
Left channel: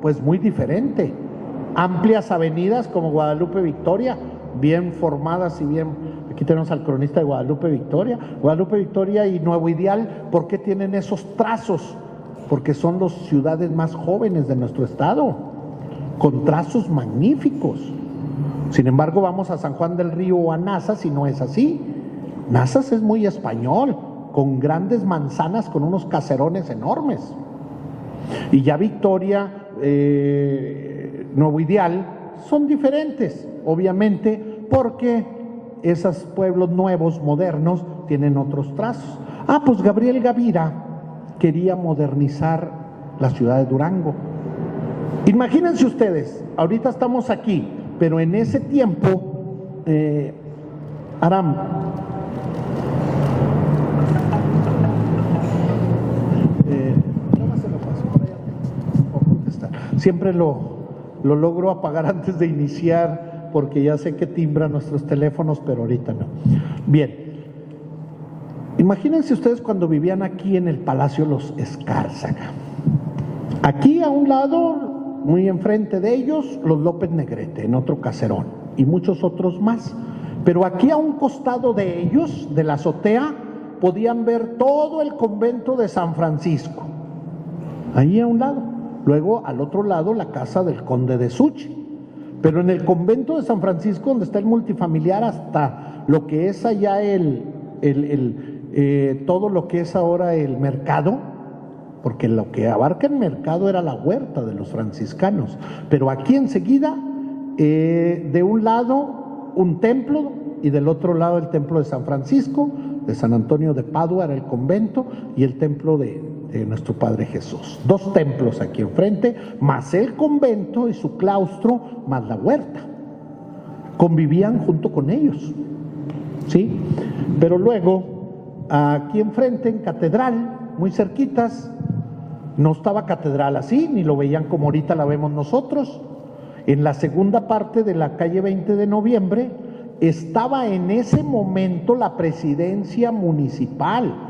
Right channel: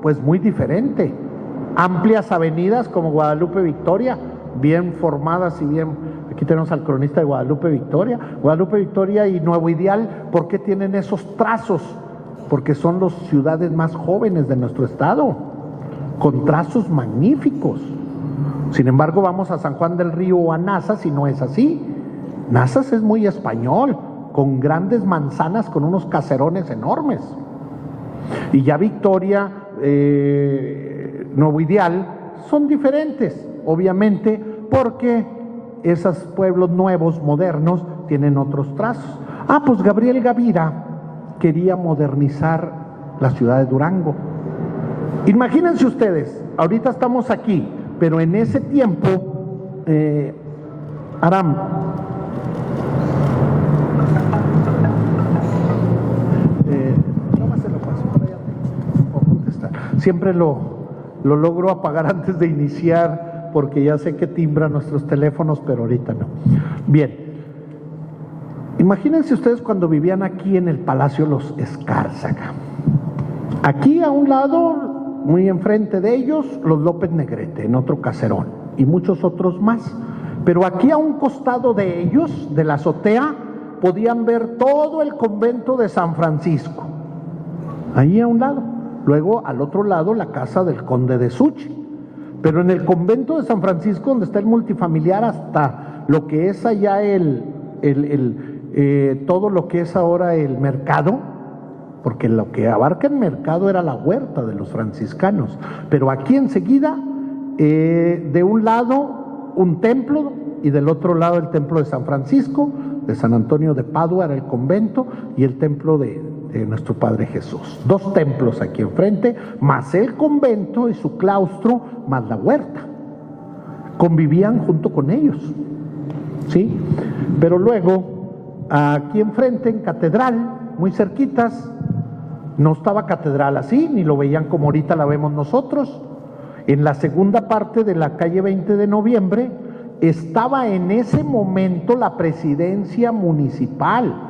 pues muy diferente. Amplias avenidas como Guadalupe Victoria, bien formadas y bien. Aquí tenemos al cronista de Guadalupe Victoria. Guadalupe Victoria y Nuevo Ideal, ¿por qué tienen esos trazos? Porque son las ciudades más jóvenes de nuestro estado, con trazos magníficos. Sin embargo, vamos a San Juan del Río o a Nazas y no es así. Nazas es muy español, con grandes manzanas, con unos caserones enormes. Y ya Victoria, Nuevo Ideal, son diferentes, obviamente, porque esos pueblos nuevos, modernos, tienen otros trazos. Pues Gabriel Gavira quería modernizar la ciudad de Durango. Imagínense ustedes, ahorita estamos aquí, pero en ese tiempo, Aram, siempre lo logro apagar antes de iniciar, porque ya sé que timbran nuestros teléfonos, pero ahorita no. Bien, imagínense ustedes cuando vivían aquí en el Palacio Los Escárzaga. Aquí a un lado, muy enfrente de ellos, los López Negrete, en otro caserón, y muchos otros más. Pero aquí a un costado de ellos, de la azotea, podían ver todo el convento de San Francisco. Ahí a un lado. Luego, al otro lado, la casa del conde de Suchi. Pero en el convento de San Francisco, donde está el multifamiliar, hasta lo que es allá todo lo que es ahora el mercado, porque lo que abarca el mercado era la huerta de los franciscanos. Pero aquí enseguida, de un lado, un templo, y del otro lado el templo de San Francisco, de San Antonio de Padua era el convento, y el templo de nuestro Padre Jesús. 2 templos aquí enfrente, más el convento y su claustro, más la huerta. Convivían junto con ellos, ¿sí? Pero luego, aquí enfrente, en Catedral, muy cerquitas, no estaba Catedral así, ni lo veían como ahorita la vemos nosotros. En la segunda parte de la calle 20 de Noviembre, estaba en ese momento la presidencia municipal.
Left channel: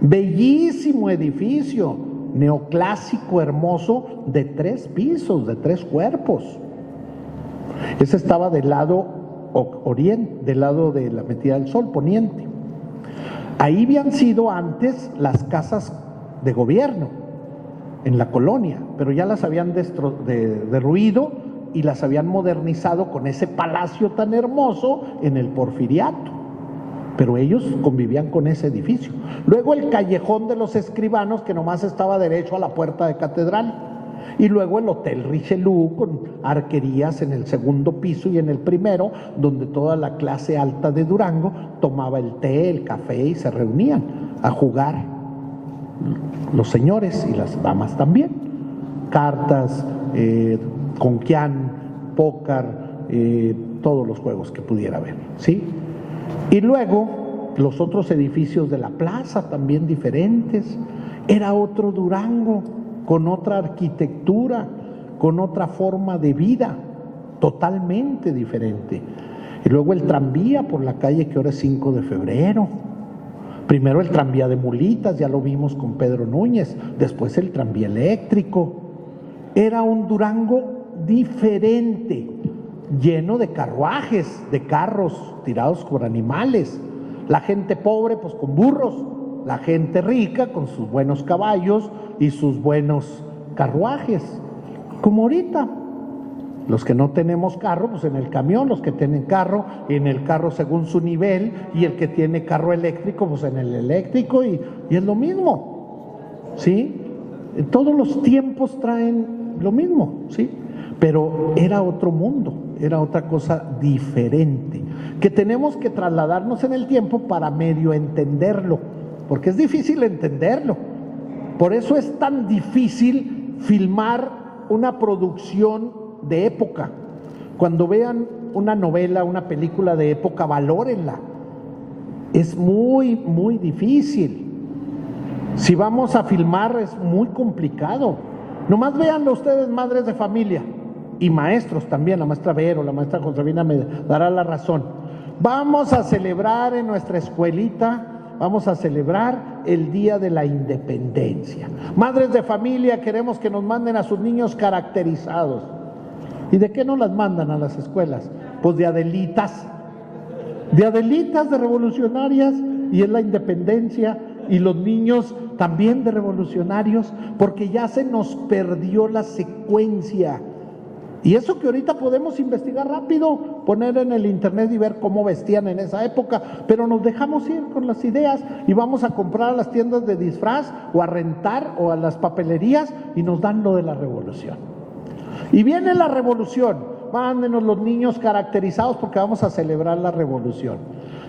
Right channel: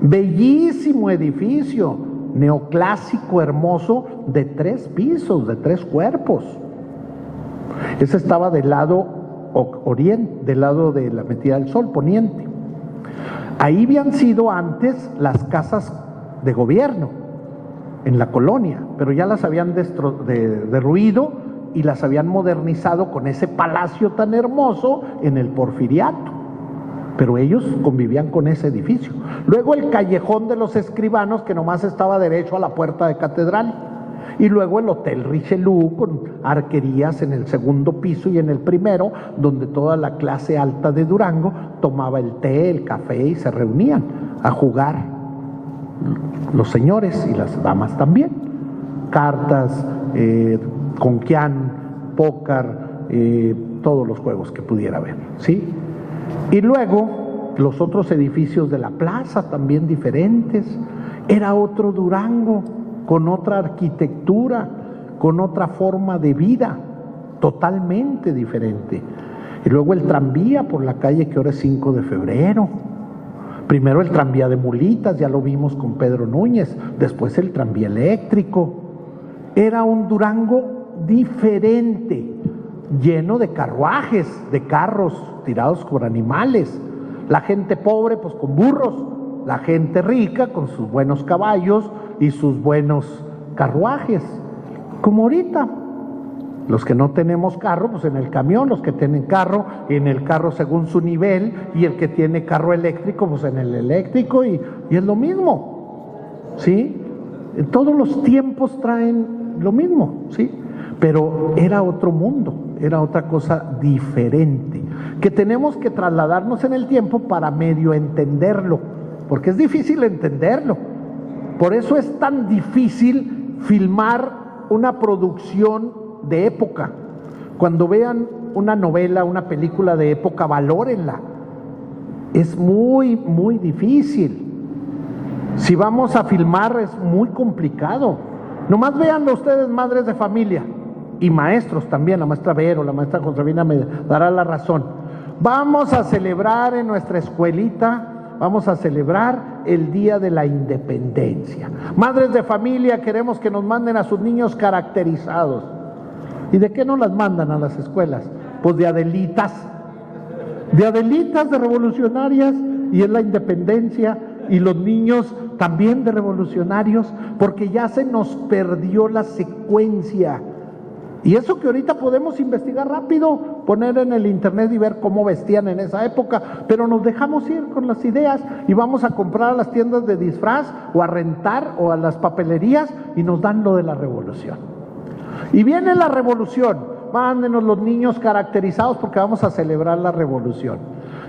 Bellísimo edificio, neoclásico, hermoso, de 3 pisos, de 3 cuerpos. Ese estaba del lado oriente, del lado de la metida del sol, poniente. Ahí habían sido antes las casas de gobierno, en la colonia, pero ya las habían derruido y las habían modernizado con ese palacio tan hermoso en el Porfiriato. Pero ellos convivían con ese edificio. Luego el callejón de los escribanos, que nomás estaba derecho a la puerta de Catedral. Y luego el Hotel Richelieu, con arquerías en el segundo piso y en el primero, donde toda la clase alta de Durango tomaba el té, el café y se reunían a jugar, los señores y las damas también. Cartas, conquián, póker, todos los juegos que pudiera haber, ¿sí? Y luego los otros edificios de la plaza, también diferentes. Era otro Durango, con otra arquitectura, con otra forma de vida, totalmente diferente. Y luego el tranvía por la calle que ahora es 5 de febrero. Primero el tranvía de mulitas, ya lo vimos con Pedro Núñez, después el tranvía eléctrico. Era un Durango diferente, lleno de carruajes, de carros tirados por animales. La gente pobre pues con burros, la gente rica con sus buenos caballos y sus buenos carruajes, como ahorita. Los que no tenemos carro, pues en el camión, los que tienen carro, en el carro según su nivel, y el que tiene carro eléctrico, pues en el eléctrico, y es lo mismo, ¿sí? Todos los tiempos traen lo mismo, ¿sí? Pero era otro mundo, era otra cosa diferente, que tenemos que trasladarnos en el tiempo para medio entenderlo, porque es difícil entenderlo. Por eso es tan difícil filmar una producción de época. Cuando vean una novela, una película de época, valórenla. Es muy, muy difícil. Si vamos a filmar es muy complicado. Nomás véanlo ustedes, madres de familia y maestros también, la maestra Vero, la maestra Josefina me dará la razón. Vamos a celebrar en nuestra escuelita, vamos a celebrar el Día de la Independencia. Madres de familia, queremos que nos manden a sus niños caracterizados. ¿Y de qué nos las mandan a las escuelas? Pues de Adelitas, de revolucionarias, y es la independencia, y los niños también de revolucionarios, porque ya se nos perdió la secuencia. Y eso que ahorita podemos investigar rápido, poner en el internet y ver cómo vestían en esa época, pero nos dejamos ir con las ideas y vamos a comprar a las tiendas de disfraz o a rentar o a las papelerías y nos dan lo de la revolución. Y viene la revolución, mándenos los niños caracterizados porque vamos a celebrar la revolución.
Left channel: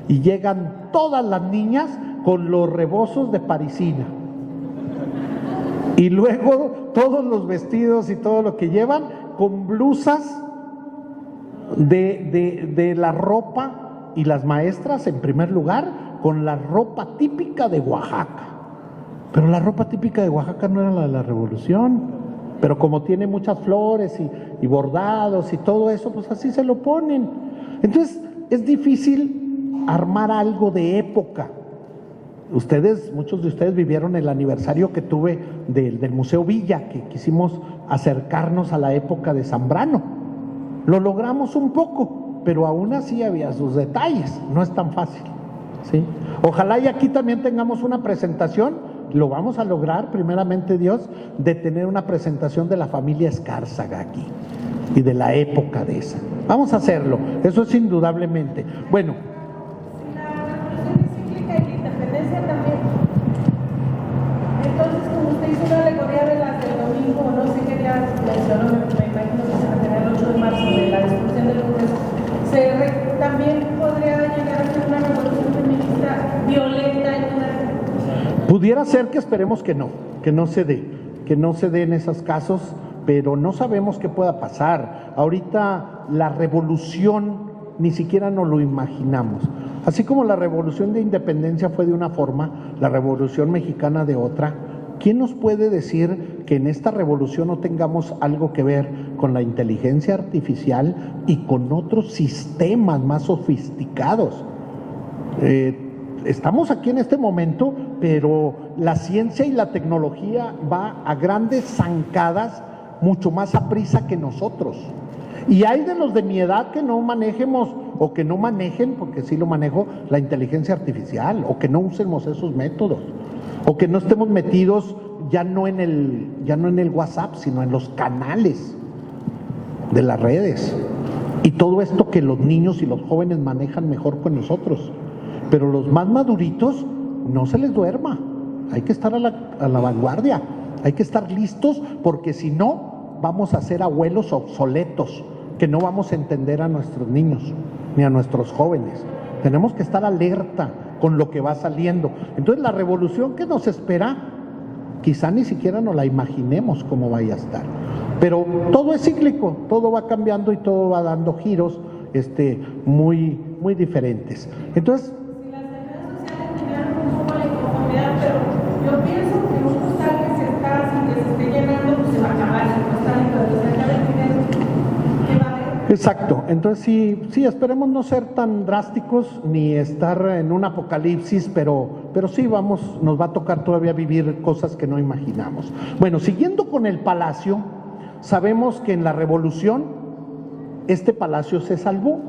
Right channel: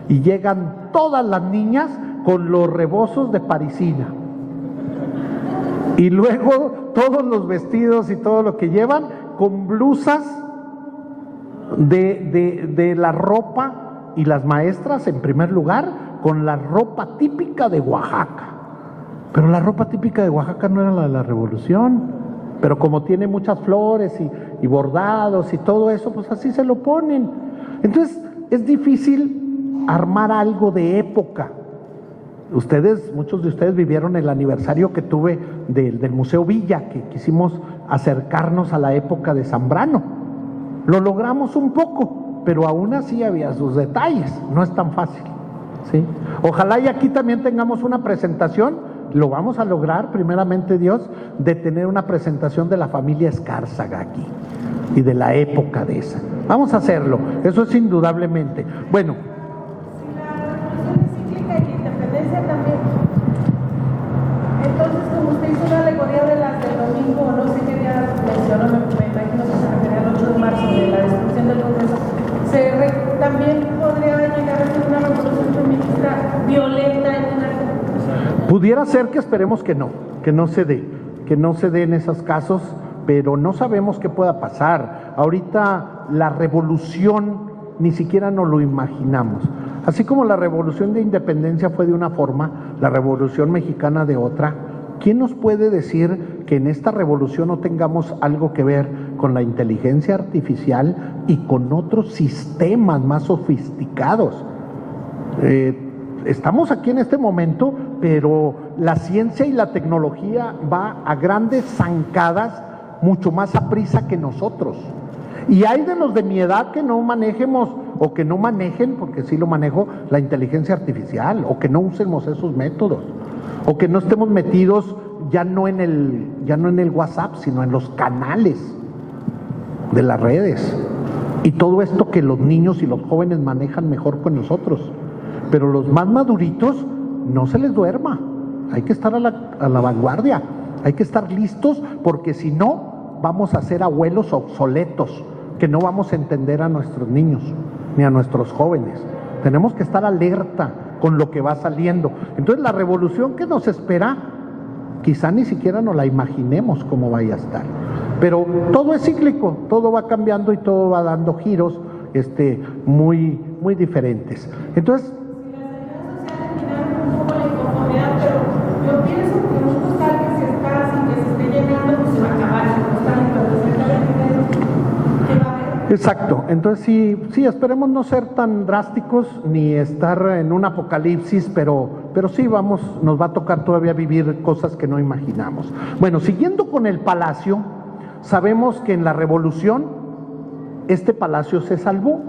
Y llegan todas las niñas con los rebozos de parisina. Y luego todos los vestidos y todo lo que llevan con blusas de la ropa, y las maestras en primer lugar con la ropa típica de Oaxaca. Pero la ropa típica de Oaxaca no era la de la revolución, pero como tiene muchas flores y bordados y todo eso, pues así se lo ponen. Entonces es difícil armar algo de época. Muchos de ustedes vivieron el aniversario que tuve del Museo Villa, que quisimos acercarnos a la época de Zambrano. Lo logramos un poco, pero aún así había sus detalles, no es tan fácil, ¿sí? Ojalá y aquí también tengamos una presentación, lo vamos a lograr, primeramente Dios, de tener una presentación de la familia Escárzaga aquí y de la época de esa. Vamos a hacerlo, eso es indudablemente. Bueno, no sé qué día mencionó, me imagino que se refiere al 8 de marzo de la destrucción del Congreso, también podría llegar a ser una revolución feminista violenta en una revolución. Pudiera ser, que esperemos que no se dé en esos casos, pero no sabemos qué pueda pasar. Ahorita la revolución ni siquiera nos lo imaginamos. Así como la revolución de independencia fue de una forma, la revolución mexicana de otra. ¿Quién nos puede decir que en esta revolución no tengamos algo que ver con la inteligencia artificial y con otros sistemas más sofisticados? Estamos aquí en este momento, pero la ciencia y la tecnología va a grandes zancadas, mucho más a prisa que nosotros. Y hay de los de mi edad que no manejemos o que no manejen, porque sí lo manejo, la inteligencia artificial, o que no usemos esos métodos, o que no estemos metidos ya no en el WhatsApp, sino en los canales de las redes. Y todo esto que los niños y los jóvenes manejan mejor con nosotros. Pero los más maduritos, no se les duerma. Hay que estar a la vanguardia, hay que estar listos, porque si no, vamos a ser abuelos obsoletos, que no vamos a entender a nuestros niños ni a nuestros jóvenes. Tenemos que estar alerta con lo que va saliendo. Entonces la revolución que nos espera, quizá ni siquiera nos la imaginemos cómo vaya a estar. Pero todo es cíclico, todo va cambiando y todo va dando giros muy, muy diferentes. Entonces, pero yo pienso que un costal que se está, sin que se esté llenando, pues se va a acabar el costal, y cuando se acabe el dinero, ¿qué va a haber? exacto. Entonces sí, esperemos no ser tan drásticos ni estar en un apocalipsis, pero sí nos va a tocar todavía vivir cosas que no imaginamos. Bueno, siguiendo con el palacio, sabemos que en la revolución este palacio se salvó,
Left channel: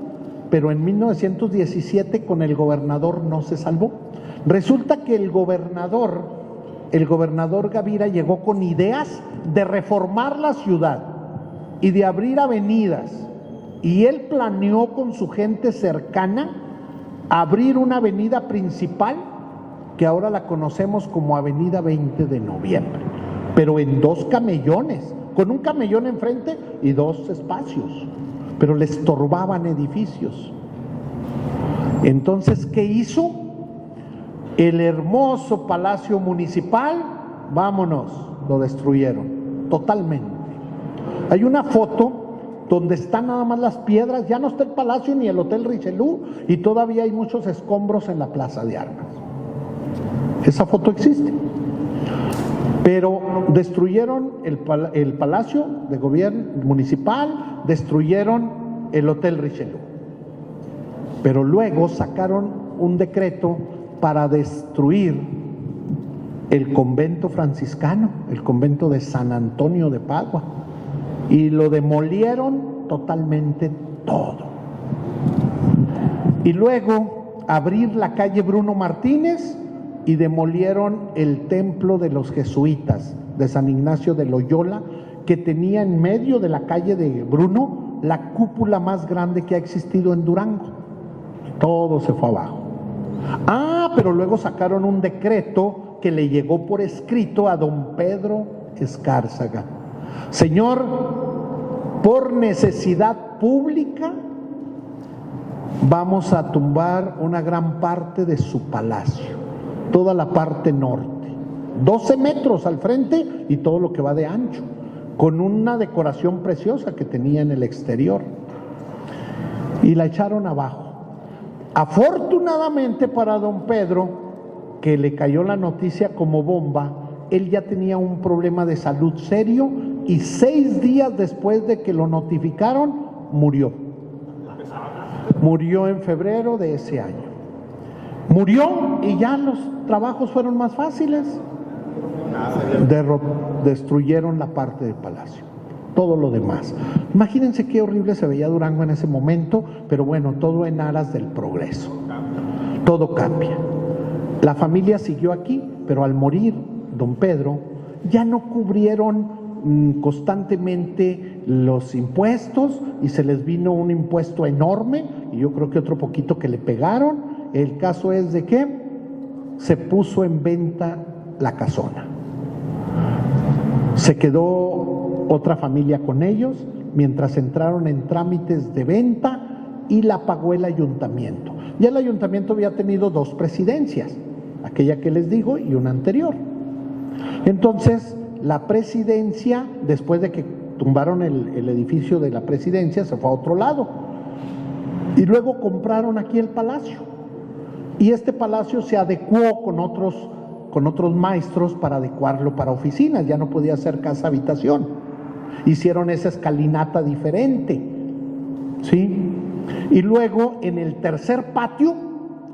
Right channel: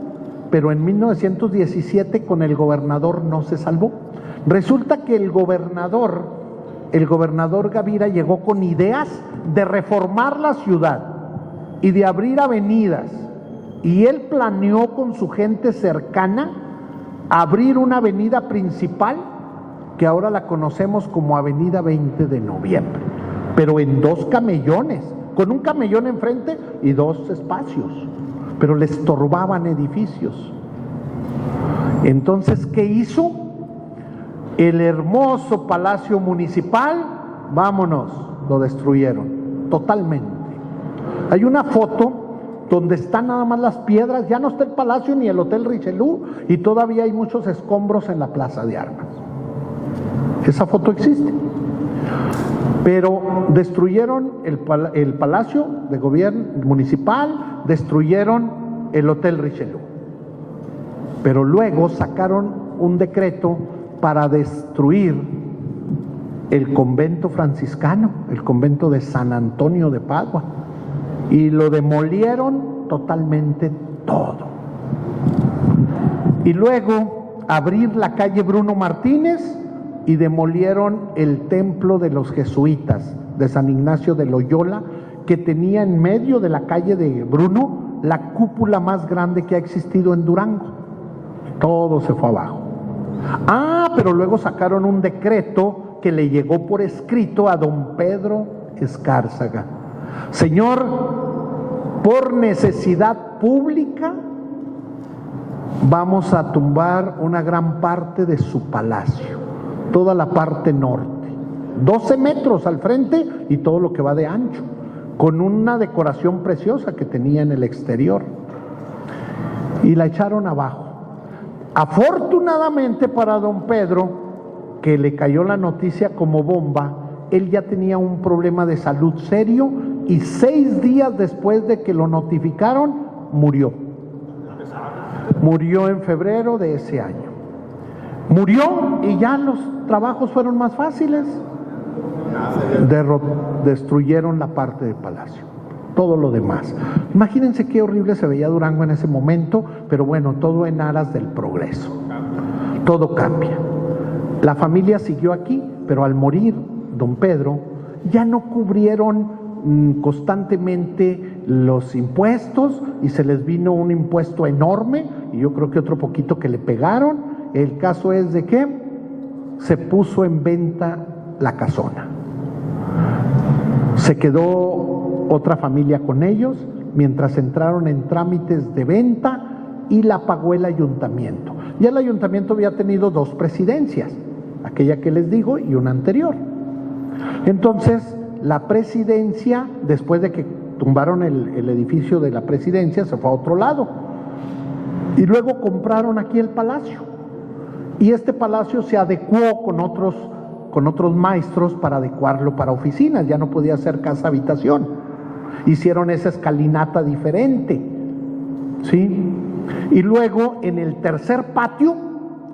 pero en 1917 con el gobernador no se salvó. Resulta que el gobernador Gavira llegó con ideas de reformar la ciudad y de abrir avenidas, y él planeó con su gente cercana abrir una avenida principal que ahora la conocemos como Avenida 20 de Noviembre, pero en 2 camellones, con un camellón enfrente y 2 espacios, pero le estorbaban edificios. Entonces, ¿qué hizo? El hermoso Palacio Municipal, vámonos, lo destruyeron totalmente. Hay una foto donde están nada más las piedras, ya no está el palacio ni el Hotel Richelieu, y todavía hay muchos escombros en la Plaza de Armas. Esa foto existe. Pero destruyeron el Palacio de Gobierno Municipal, destruyeron el Hotel Richelieu. Pero luego sacaron un decreto para destruir el convento franciscano, el convento de San Antonio de Padua, y lo demolieron totalmente todo. Y luego abrir la calle Bruno Martínez y demolieron el templo de los jesuitas de San Ignacio de Loyola, que tenía en medio de la calle de Bruno la cúpula más grande que ha existido en Durango. Todo se fue abajo. Pero luego sacaron un decreto que le llegó por escrito a don Pedro Escárzaga. Señor, por necesidad pública vamos a tumbar una gran parte de su palacio, toda la parte norte, 12 metros al frente y todo lo que va de ancho, con una decoración preciosa que tenía en el exterior, y la echaron abajo. Afortunadamente para don Pedro, que le cayó la noticia como bomba, él ya tenía un problema de salud serio y 6 días después de que lo notificaron, murió. Murió en febrero de ese año. Murió y ya los trabajos fueron más fáciles. Destruyeron la parte del palacio, todo lo demás. Imagínense qué horrible se veía Durango en ese momento, pero bueno, todo en aras del progreso. Todo cambia. La familia siguió aquí, pero al morir don Pedro, ya no cubrieron constantemente los impuestos y se les vino un impuesto enorme y yo creo que otro poquito que le pegaron. El caso es de que se puso en venta la casona. Se quedó otra familia con ellos mientras entraron en trámites de venta y la pagó el ayuntamiento. Ya el ayuntamiento había tenido 2 presidencias, aquella que les digo y una anterior. Entonces, la presidencia, después de que tumbaron el edificio de la presidencia, se fue a otro lado. Y luego compraron aquí el palacio. Y este palacio se adecuó con otros maestros para adecuarlo para oficinas, ya no podía ser casa habitación. Hicieron esa escalinata diferente, ¿sí? Y luego en el tercer patio,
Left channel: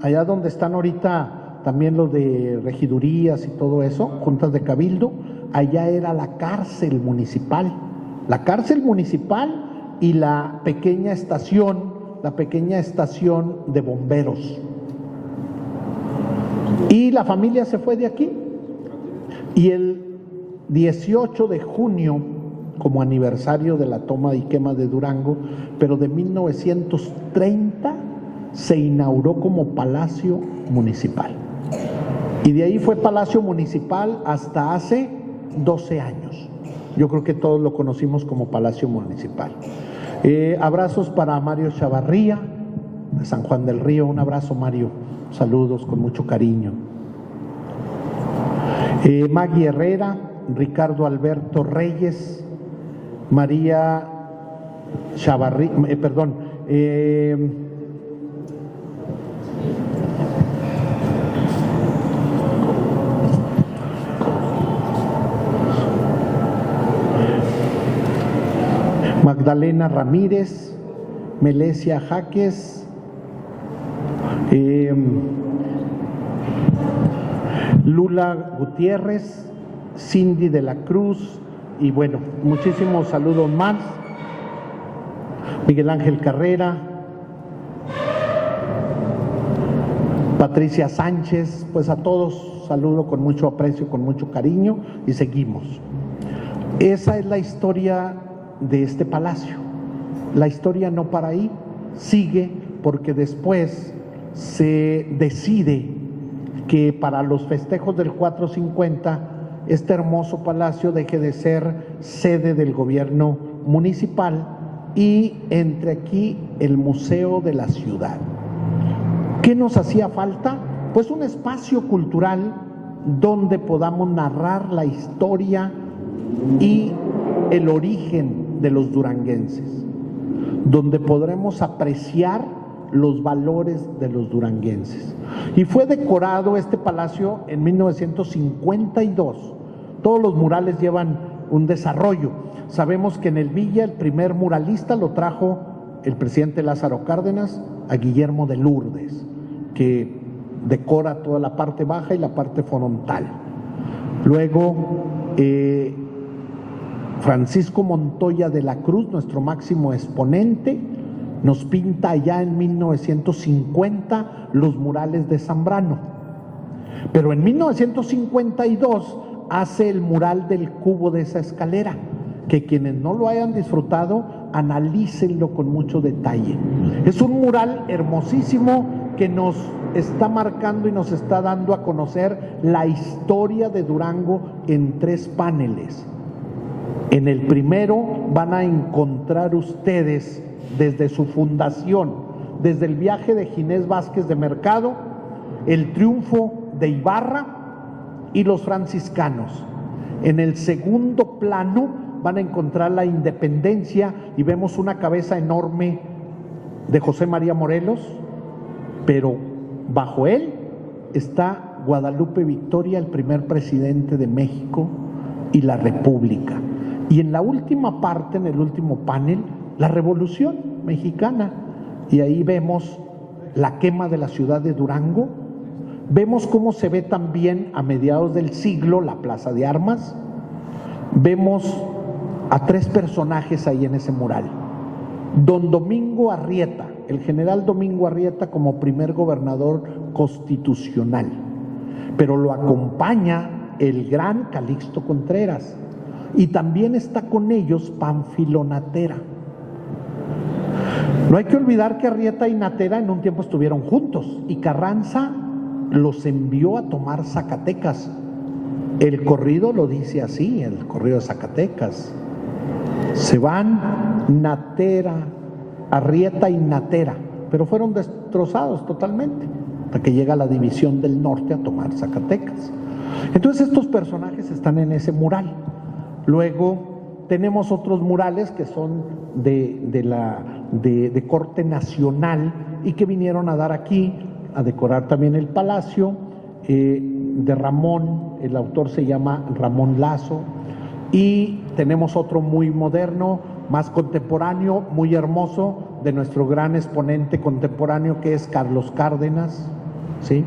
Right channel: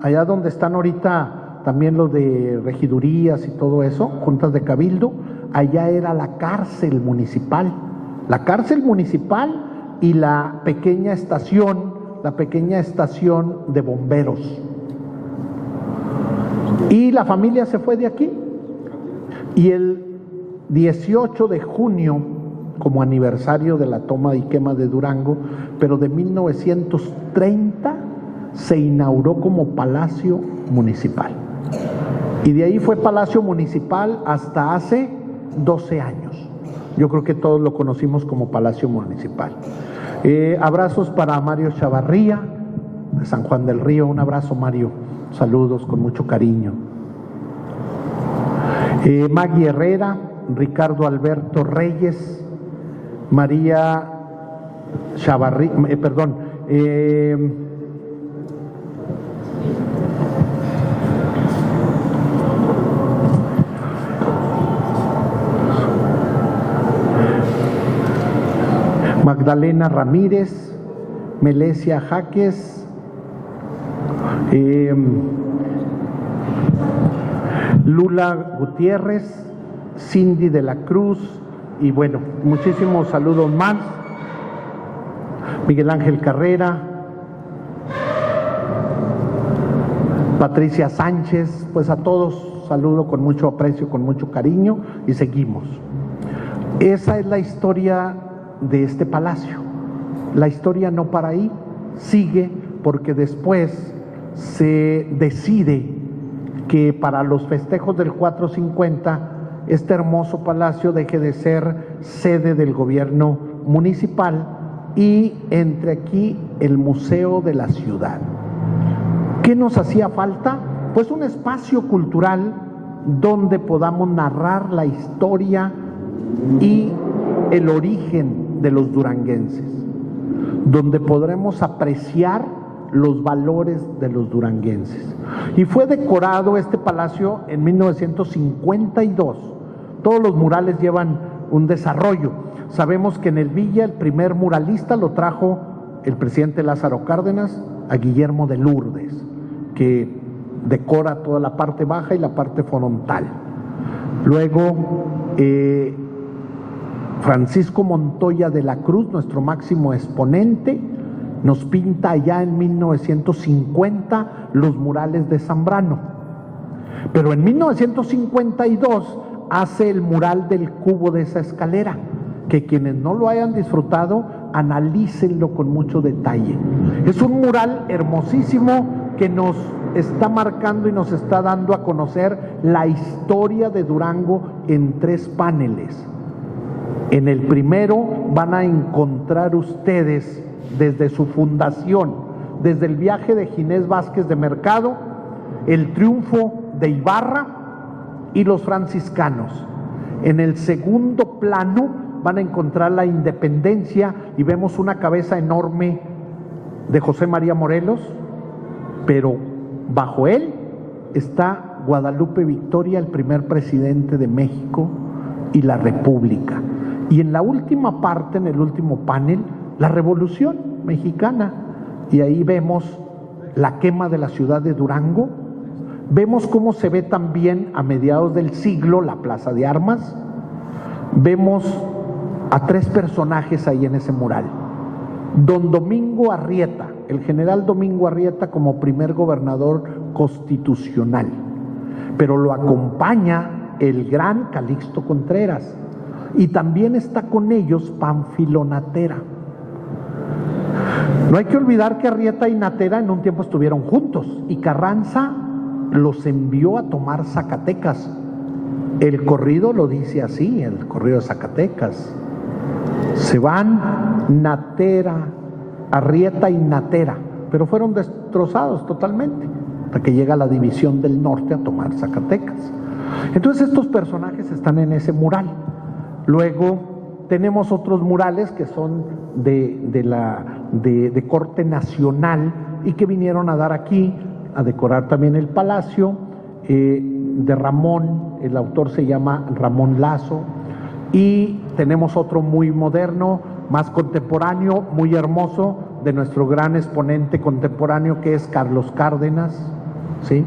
allá donde están ahorita también los de regidurías y todo eso, juntas de cabildo, allá era la cárcel municipal y la pequeña estación de bomberos. Y la familia se fue de aquí. Y el 18 de junio, como aniversario de la toma y quema de Durango, pero de 1930, se inauguró como Palacio Municipal. Y de ahí fue Palacio Municipal hasta hace 12 años. Yo creo que todos lo conocimos como Palacio Municipal. Abrazos para Mario Chavarría, de San Juan del Río. Un abrazo, Mario. Saludos con mucho cariño. Maggie Herrera, Ricardo Alberto Reyes, María Chavarría, Magdalena Ramírez, Melesia Jaques, Lula Gutiérrez, Cindy de la Cruz, y bueno, muchísimos saludos más. Miguel Ángel Carrera, Patricia Sánchez, pues a todos saludo con mucho aprecio, con mucho cariño, y seguimos. Esa es la historia de este palacio. La historia no para ahí, sigue, porque después se decide que para los festejos del 450 este hermoso palacio deje de ser sede del gobierno municipal y entre aquí el Museo de la Ciudad. ¿Qué nos hacía falta? Pues un espacio cultural donde podamos narrar la historia y el origen de los duranguenses, donde podremos apreciar los valores de los duranguenses. Y fue decorado este palacio en 1952. Todos los murales llevan un desarrollo. Sabemos que en el Villa el primer muralista lo trajo el presidente Lázaro Cárdenas a Guillermo de Lourdes, que decora toda la parte baja y la parte frontal. Luego Francisco Montoya de la Cruz, nuestro máximo exponente, nos pinta ya en 1950 los murales de Zambrano. Pero en 1952 hace el mural del cubo de esa escalera, que quienes no lo hayan disfrutado, analícenlo con mucho detalle. Es un mural hermosísimo que nos está marcando y nos está dando a conocer la historia de Durango en 3 paneles. En el primero van a encontrar ustedes desde su fundación, desde el viaje de Ginés Vázquez de Mercado, el triunfo de Ibarra y los franciscanos. En el segundo plano van a encontrar la independencia y vemos una cabeza enorme de José María Morelos, pero bajo él está Guadalupe Victoria, el primer presidente de México y la República. Y en la última parte, en el último panel, la Revolución Mexicana. Y ahí vemos la quema de la ciudad de Durango. Vemos cómo se ve también a mediados del siglo la Plaza de Armas. Vemos a 3 personajes ahí en ese mural. Don Domingo Arrieta, el general Domingo Arrieta como primer gobernador constitucional, pero lo acompaña el gran Calixto Contreras, y también está con ellos Pánfilo Natera. No hay que olvidar que Arrieta y Natera en un tiempo estuvieron juntos, y Carranza los envió a tomar Zacatecas. El corrido lo dice así, el corrido de Zacatecas. Se van Natera, Arrieta y Natera, pero fueron destrozados totalmente, hasta que llega la división del norte a tomar Zacatecas. Entonces estos personajes están en ese mural. Luego tenemos otros murales que son de corte nacional y que vinieron a dar aquí, a decorar también el palacio, de Ramón, el autor se llama Ramón Lazo, y tenemos otro muy moderno, más contemporáneo, muy hermoso, de nuestro gran exponente contemporáneo que es Carlos Cárdenas, ¿sí?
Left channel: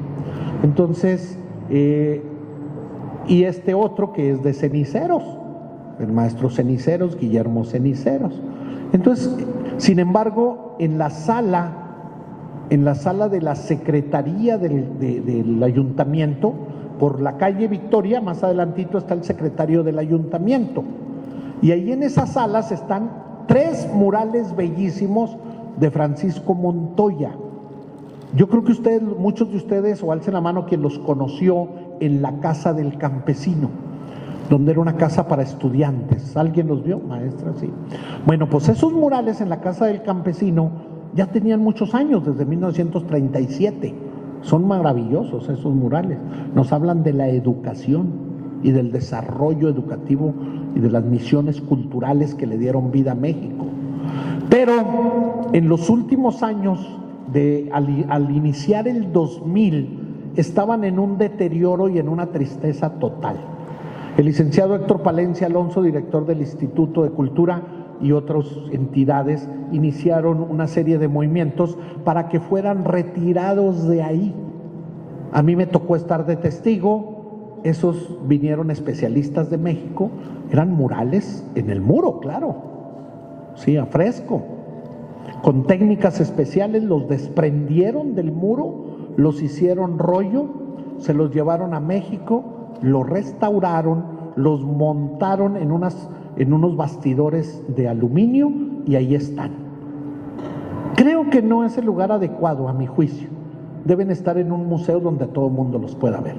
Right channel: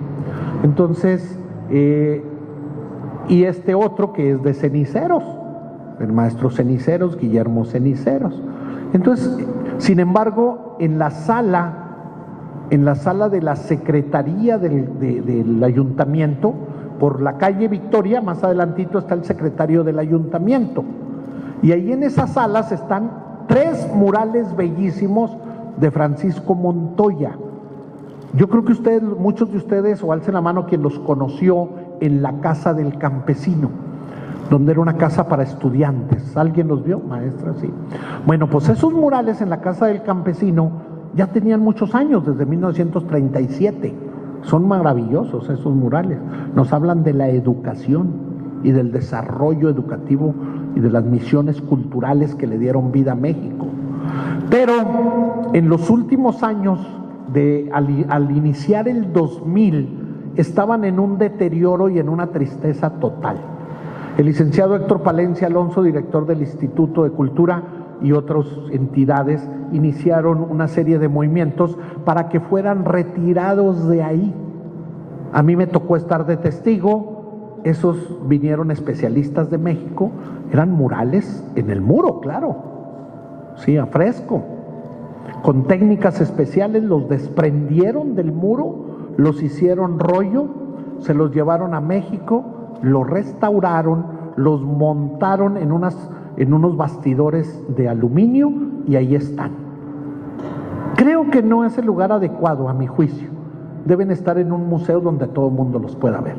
Entonces, y este otro que es de Ceniceros, el maestro Ceniceros, Guillermo Ceniceros. Entonces, sin embargo, en la sala de la Secretaría del Ayuntamiento, por la calle Victoria, más adelantito está el secretario del Ayuntamiento, y ahí en esas salas están 3 murales bellísimos de Francisco Montoya. Yo creo que muchos de ustedes, o alcen la mano quien los conoció en la Casa del Campesino, donde era una casa para estudiantes. ¿Alguien los vio, maestra? Sí. Bueno, pues esos murales en la Casa del Campesino ya tenían muchos años, desde 1937. Son maravillosos esos murales. Nos hablan de la educación y del desarrollo educativo y de las misiones culturales que le dieron vida a México. Pero en los últimos años, al iniciar el 2000, estaban en un deterioro y en una tristeza total. El licenciado Héctor Palencia Alonso, director del Instituto de Cultura, y otras entidades iniciaron una serie de movimientos para que fueran retirados de ahí. A mí me tocó estar de testigo. Esos vinieron especialistas de México, eran murales en el muro, claro, sí, a fresco, con técnicas especiales. Los desprendieron del muro, los hicieron rollo, se los llevaron a México, los restauraron, los montaron en unos bastidores de aluminio y ahí están. Creo que no es el lugar adecuado, a mi juicio. Deben estar en un museo donde todo el mundo los pueda ver,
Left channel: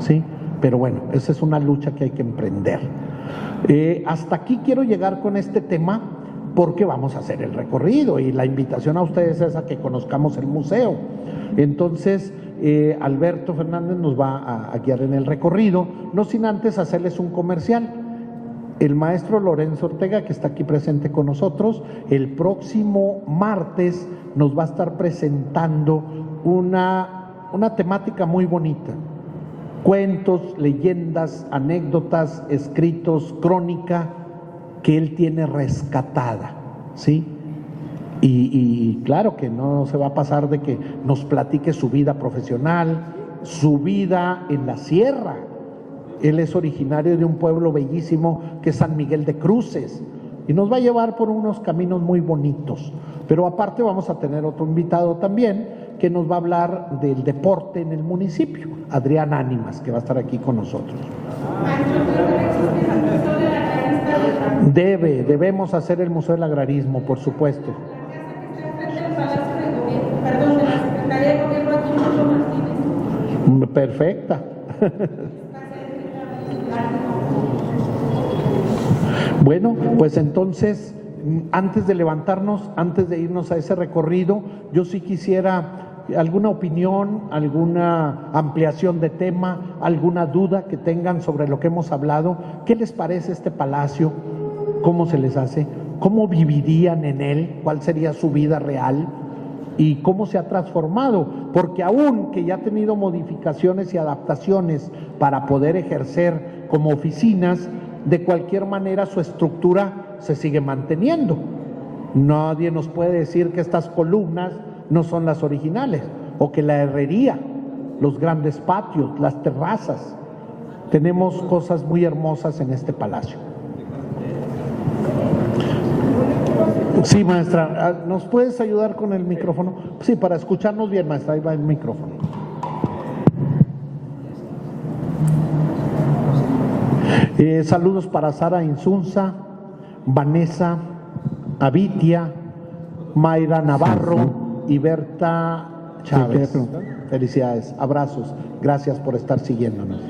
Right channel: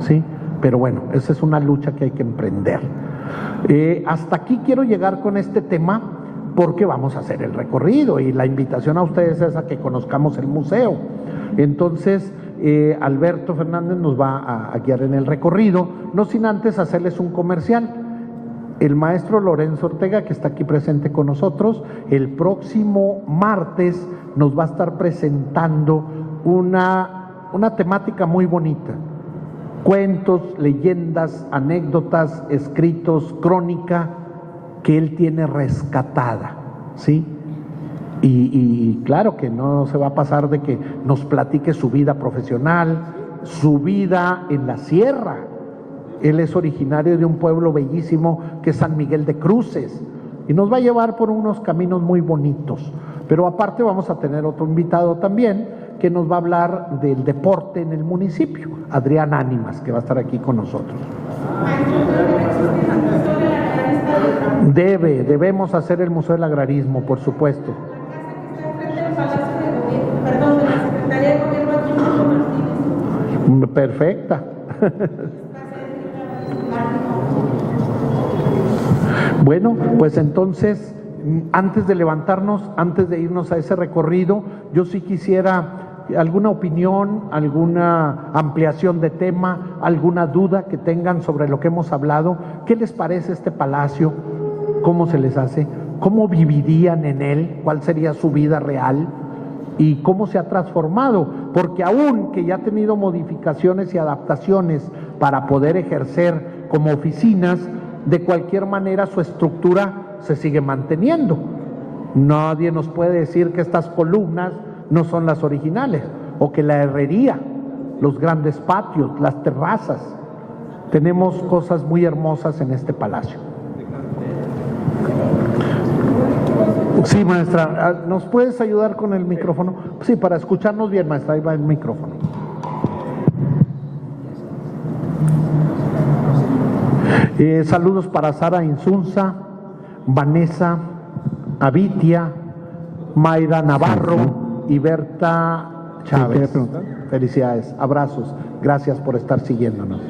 ¿sí? Pero bueno, esa es una lucha que hay que emprender. Hasta aquí quiero llegar con este tema, porque vamos a hacer el recorrido y la invitación a ustedes es a que conozcamos el museo. Entonces, Alberto Fernández nos va a guiar en el recorrido, no sin antes hacerles un comercial. El maestro Lorenzo Ortega, que está aquí presente con nosotros, el próximo martes nos va a estar presentando una temática muy bonita. Cuentos, leyendas, anécdotas, escritos, crónica que él tiene rescatada, ¿sí? Y claro que no se va a pasar de que nos platique su vida profesional, su vida en la sierra. Él es originario de un pueblo bellísimo que es San Miguel de Cruces y nos va a llevar por unos caminos muy bonitos. Pero aparte vamos a tener otro invitado también que nos va a hablar del deporte en el municipio, Adrián Ánimas, que va a estar aquí con nosotros. Debemos hacer el Museo del Agrarismo, por supuesto. Perdón, de la Secretaría de Gobierno aquí en Martínez. Perfecta. Bueno, pues entonces, antes de levantarnos, antes de irnos a ese recorrido, yo sí quisiera alguna opinión, alguna ampliación de tema, alguna duda que tengan sobre lo que hemos hablado. ¿Qué les parece este palacio? ¿Cómo se les hace? ¿Cómo vivirían en él? ¿Cuál sería su vida real? ¿Y cómo se ha transformado? Porque aún que ya ha tenido modificaciones y adaptaciones para poder ejercer como oficinas, de cualquier manera su estructura se sigue manteniendo. Nadie nos puede decir que estas columnas no son las originales, o que la herrería, los grandes patios, las terrazas. Tenemos cosas muy hermosas en este palacio. Sí, maestra, ¿nos puedes ayudar con el micrófono? Sí, para escucharnos bien, maestra, ahí va el micrófono. Saludos para Sara Insunza, Vanessa Avitia, Mayra Navarro y Berta Chávez. Felicidades, abrazos, gracias por estar siguiéndonos.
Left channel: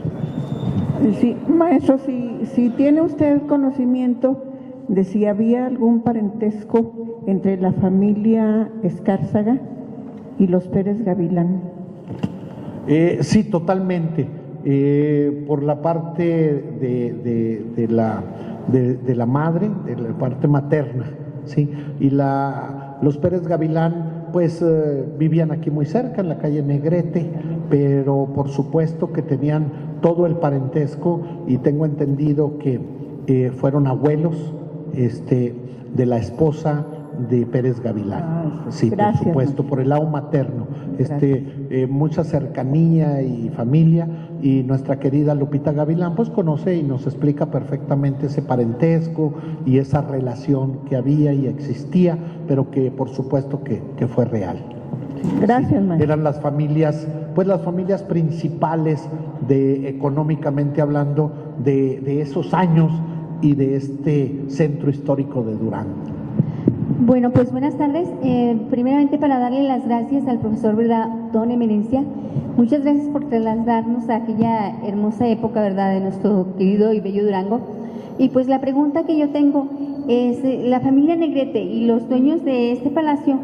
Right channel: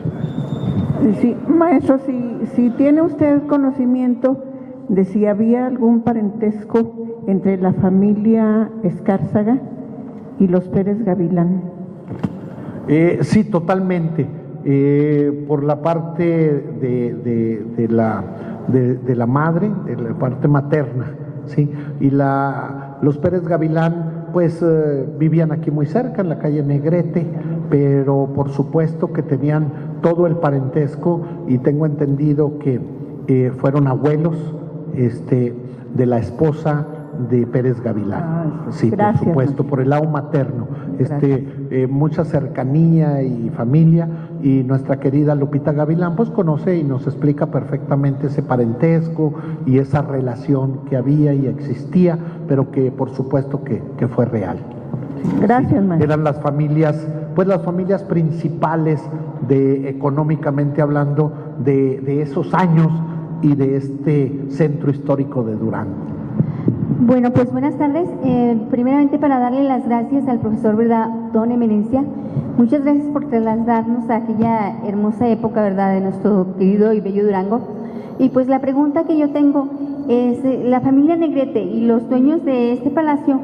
Sí, maestro, si tiene usted conocimiento de si había algún parentesco entre la familia Escárzaga y los Pérez Gavilán. Sí, totalmente. Por la parte de la madre, de la parte materna, ¿sí? Y los Pérez Gavilán, pues vivían aquí muy cerca, en la calle Negrete, pero por supuesto que tenían todo el parentesco y tengo entendido que fueron abuelos de la esposa de Pérez Gavilán. Sí, gracias, por supuesto, por el lado materno. Mucha cercanía y familia, y nuestra querida Lupita Gavilán pues conoce y nos explica perfectamente ese parentesco y esa relación que había y existía, pero que por supuesto que fue real. Gracias, maestro. Eran las familias principales económicamente hablando de esos años y de este centro histórico de Durango. Bueno, pues buenas tardes. Primeramente, para darle las gracias al profesor, ¿verdad?, don Eminencia. Muchas gracias por trasladarnos a aquella hermosa época, ¿verdad?, de nuestro querido y bello Durango. Y pues la pregunta que yo tengo es, la familia Negrete y los dueños de este palacio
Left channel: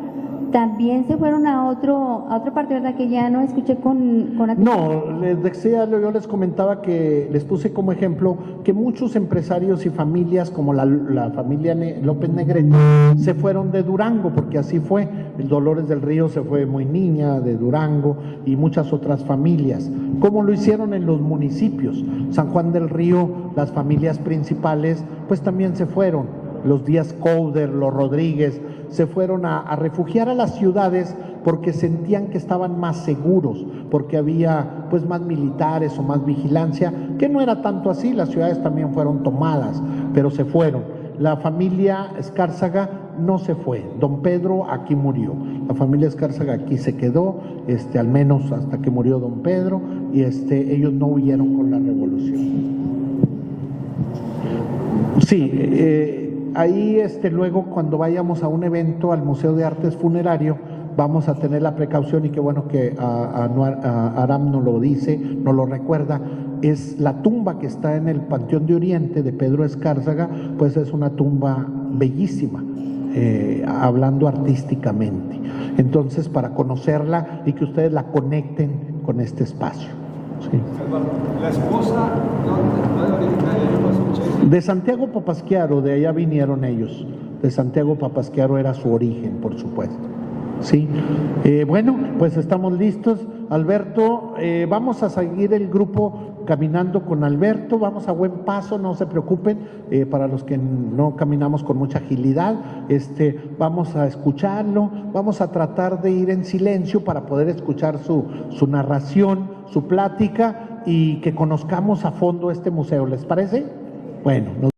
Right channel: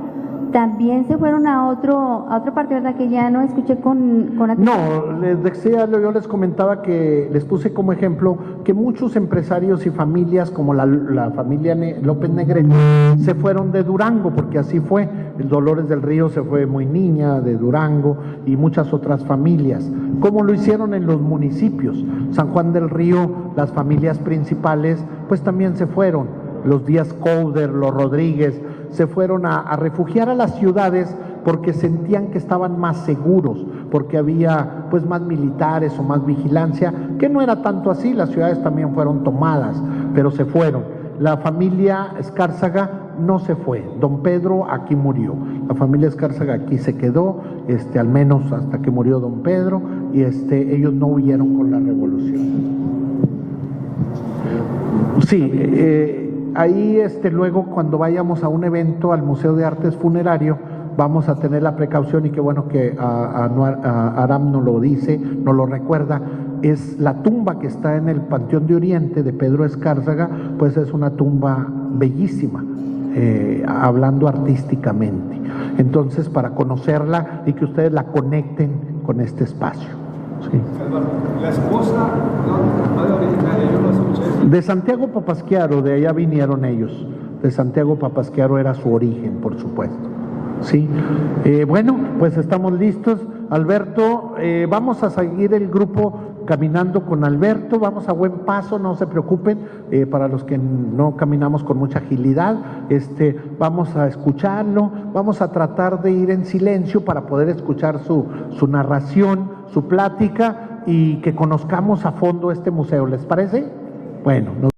también se fueron a otra parte, ¿verdad?, que ya no escuché con atención. No, les decía, yo les comentaba que les puse como ejemplo que muchos empresarios y familias como la familia López Negrete se fueron de Durango, porque así fue. El Dolores del Río se fue muy niña de Durango y muchas otras familias, como lo hicieron en los municipios. San Juan del Río, las familias principales pues también se fueron. Los Díaz Couder, los Rodríguez, se fueron a refugiar a las ciudades porque sentían que estaban más seguros, porque había pues más militares o más vigilancia, que no era tanto así. Las ciudades también fueron tomadas, pero se fueron. La familia Escárzaga no se fue. Don Pedro aquí murió. La familia Escárzaga aquí se quedó, al menos hasta que murió don Pedro, y ellos no huyeron con la revolución. Sí, ahí luego cuando vayamos a un evento al Museo de Artes Funerario vamos a tener la precaución, y qué bueno que Aram nos lo dice, nos lo recuerda. Es la tumba que está en el Panteón de Oriente de Pedro Escárzaga, pues es una tumba bellísima, hablando artísticamente. Entonces, para conocerla y que ustedes la conecten con este espacio. Sí. La esposa, ¿dónde originaria? Yo no escuché. De Santiago Papasquiaro, de allá vinieron ellos. De Santiago Papasquiaro era su origen, por supuesto. Sí. Bueno, pues estamos listos. Alberto, vamos a seguir el grupo caminando con Alberto, vamos a buen paso, no se preocupen, para los que no caminamos con mucha agilidad, vamos a escucharlo, vamos a tratar de ir en silencio para poder escuchar su narración, su plática y que conozcamos a fondo este museo, ¿les parece? Bueno.